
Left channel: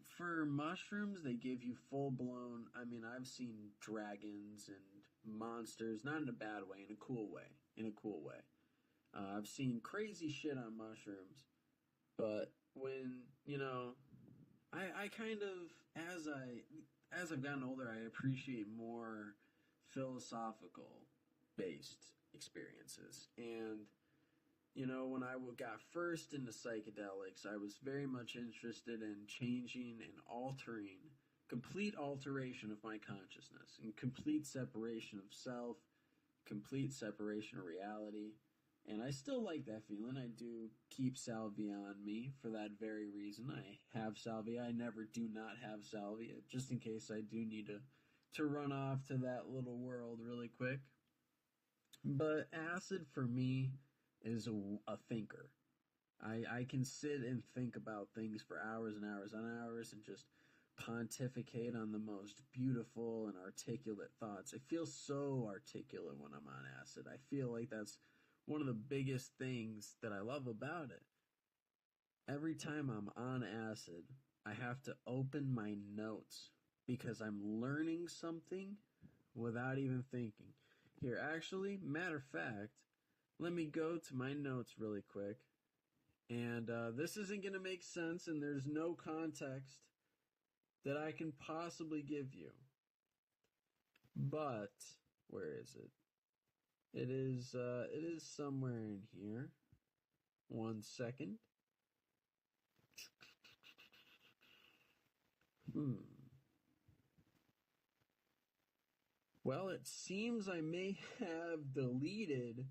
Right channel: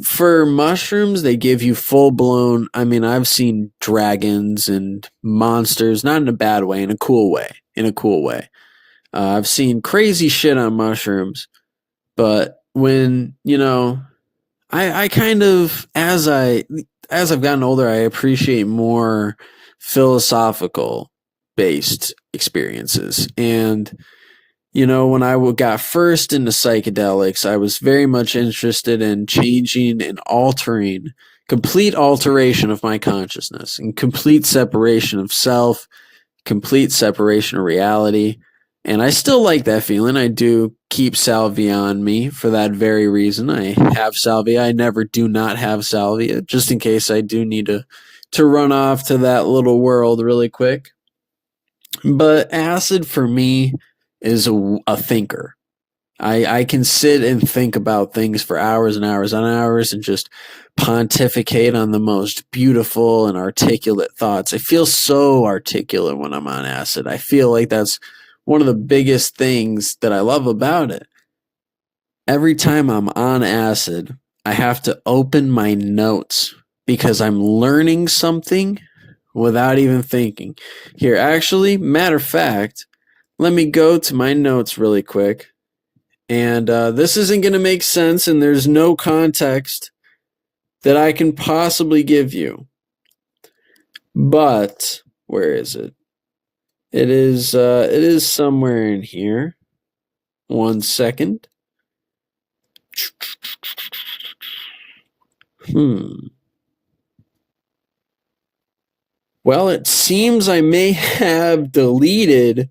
For mushrooms, they give you full blown. I mean, I've seen dragons and monsters, not in a bad way, in a cool way. In a cool way. I've seen crazy shit on mushrooms, but when I kind of, as I've gotten older, I appreciate more philosophical based experiences. And when I got first into psychedelics, I was very much interested in changing and altering, complete alteration of my consciousness and complete separation of self, complete separation of reality. And I still like that feeling. I do keep salvia on me for that very reason. I have salvia. I never do not have salvia, just in case I do need to run off to that little world really quick. But acid for me is a thinker. I can sit and think about things for hours and hours and hours and just pontificate on the most beautiful and articulate thoughts. I feel so articulate when I'm on acid. I feel like that's one of the biggest things that I love about it. Every time I'm on acid, I have to open my notes because I'm learning something without even thinking. Here, actually, matter of fact, let me go to my notes really quick. And this isn't going to make sense, and there's no context that I can possibly give you. But where is it? It is somewhere in here. 1 second. Well, it seems I may have deleted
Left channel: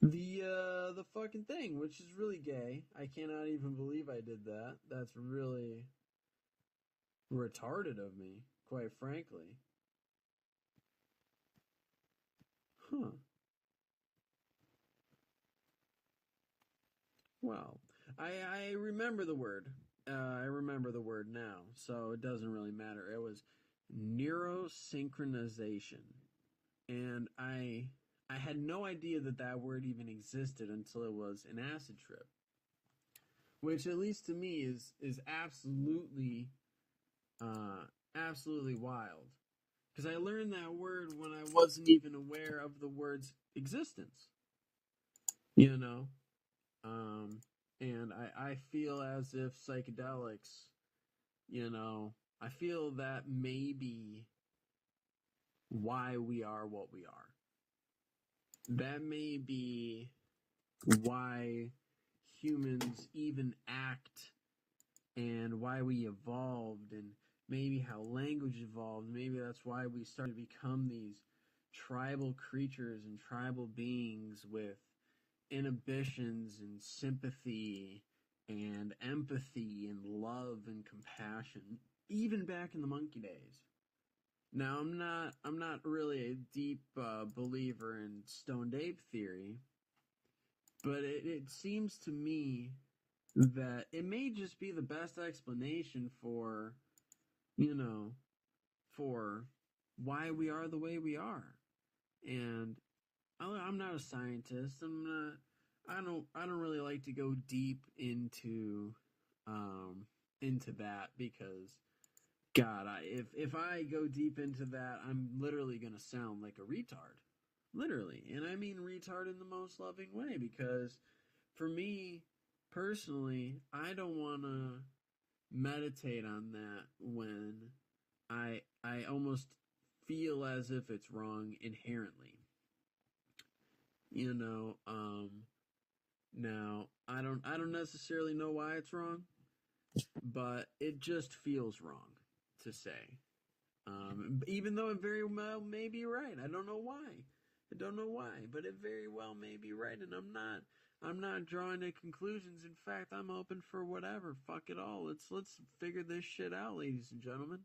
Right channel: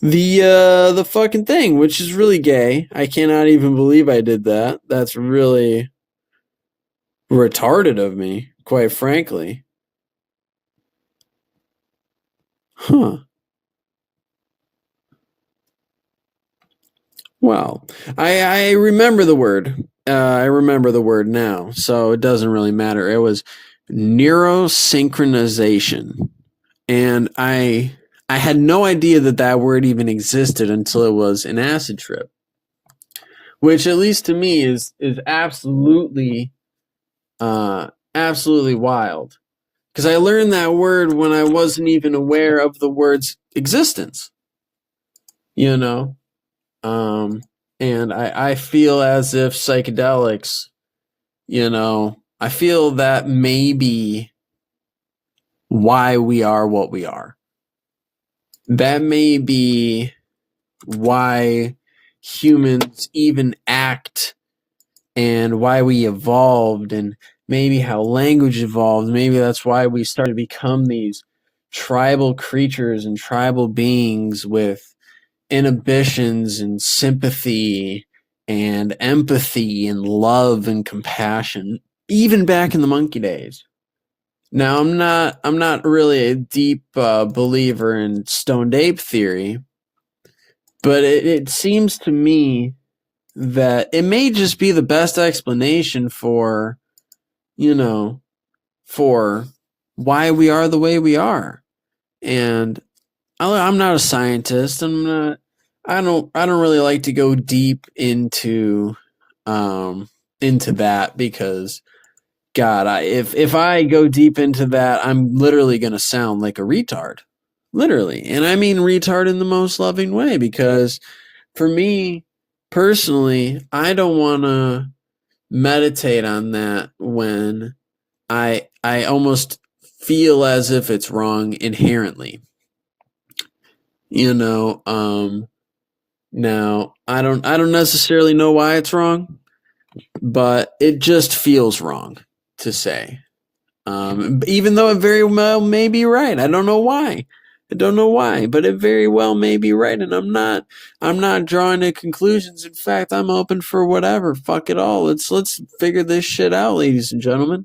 the fucking thing, which is really gay. I cannot even believe I did that. That's really retarded of me, quite frankly. Huh. Well, I remember the word. I remember the word now, so it doesn't really matter. It was neurosynchronization, and I had no idea that that word even existed until it was an acid trip. which at least to me is absolutely absolutely wild. Because I learned that word when I wasn't even aware of the word's existence. You know? And I feel as if psychedelics, I feel that may be why we are what we are. That may be why humans even act and why we evolved and maybe how language evolved. Maybe that's why we started to become these tribal creatures and tribal beings with inhibitions and sympathy and empathy and love and compassion, even back in the monkey days. Now, I'm not really a deep believer in stoned ape theory, but it seems to me that it may just be the best explanation for, for why we are the way we are. And I'm not a scientist. I don't really like to go deep into that because God, if I go deep into that, I'm literally going to sound like a retard. Literally. And I mean retard in the most loving way, because for me personally, I don't want to meditate on that when I almost feel as if it's wrong inherently. Now I don't necessarily know why it's wrong, but it just feels wrong to say. Even though it very well may be right. I don't know why. But it very well may be right, and I'm not drawing any conclusions. In fact, I'm open for whatever. Fuck it all. Let's figure this shit out, ladies and gentlemen.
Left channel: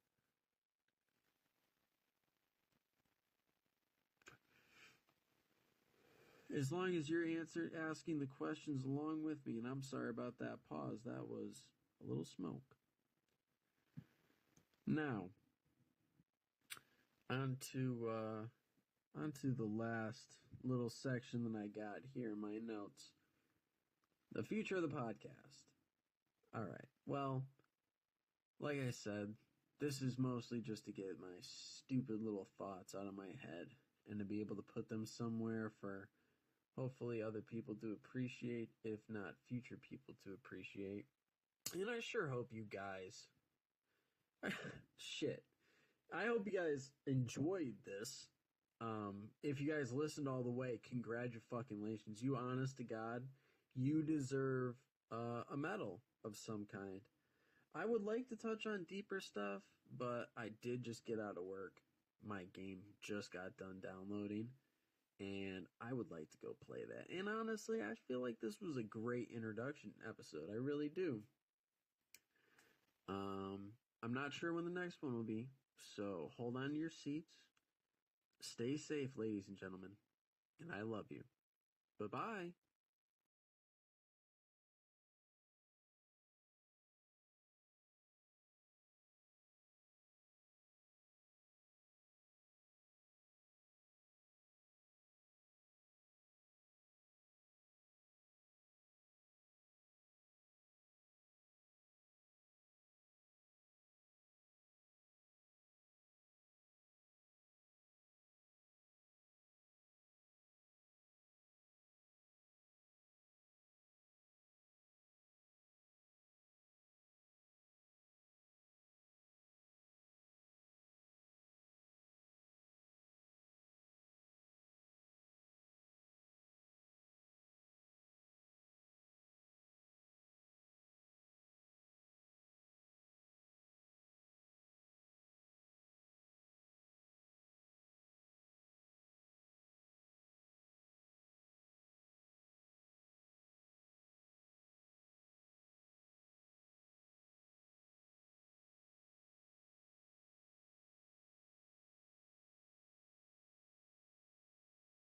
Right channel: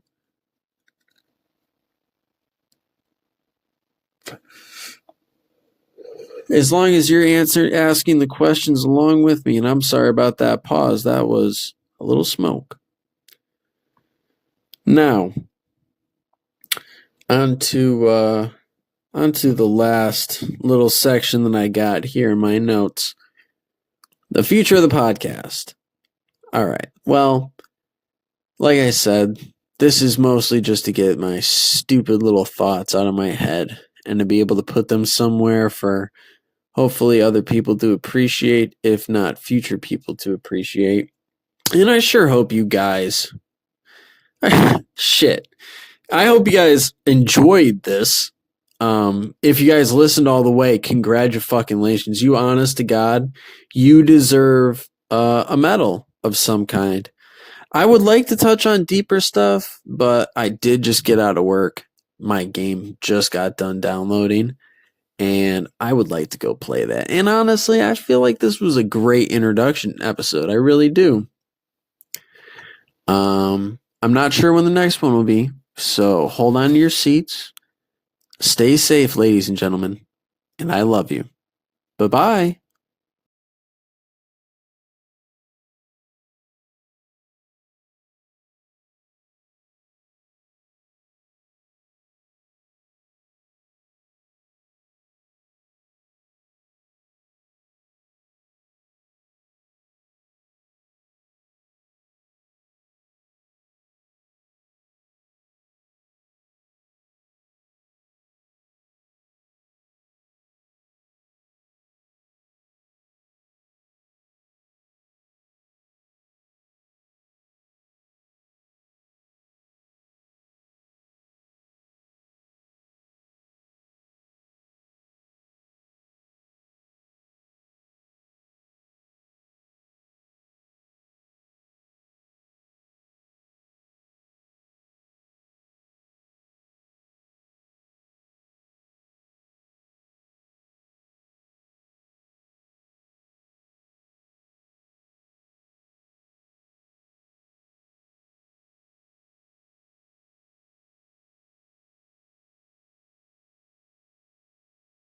As long as you're asking the questions along with me, and I'm sorry about that pause. That was a little smoke. Now, onto the last little section that I got here in my notes. The future of the podcast. All right. Well, like I said, this is mostly just to get my stupid little thoughts out of my head and to be able to put them somewhere for hopefully other people to appreciate, if not future people to appreciate. And I sure hope you guys shit. I hope you guys enjoyed this. If you guys listened all the way, congratulations. You honest to God, you deserve a medal of some kind. I would like to touch on deeper stuff, but I did just get out of work. My game just got done downloading, and I would like to go play that. And honestly, I feel like this was a great introduction episode. I really do. I'm not sure when the next one will be, so hold on to your seats. Stay safe, ladies and gentlemen, and I love you. Bye-bye.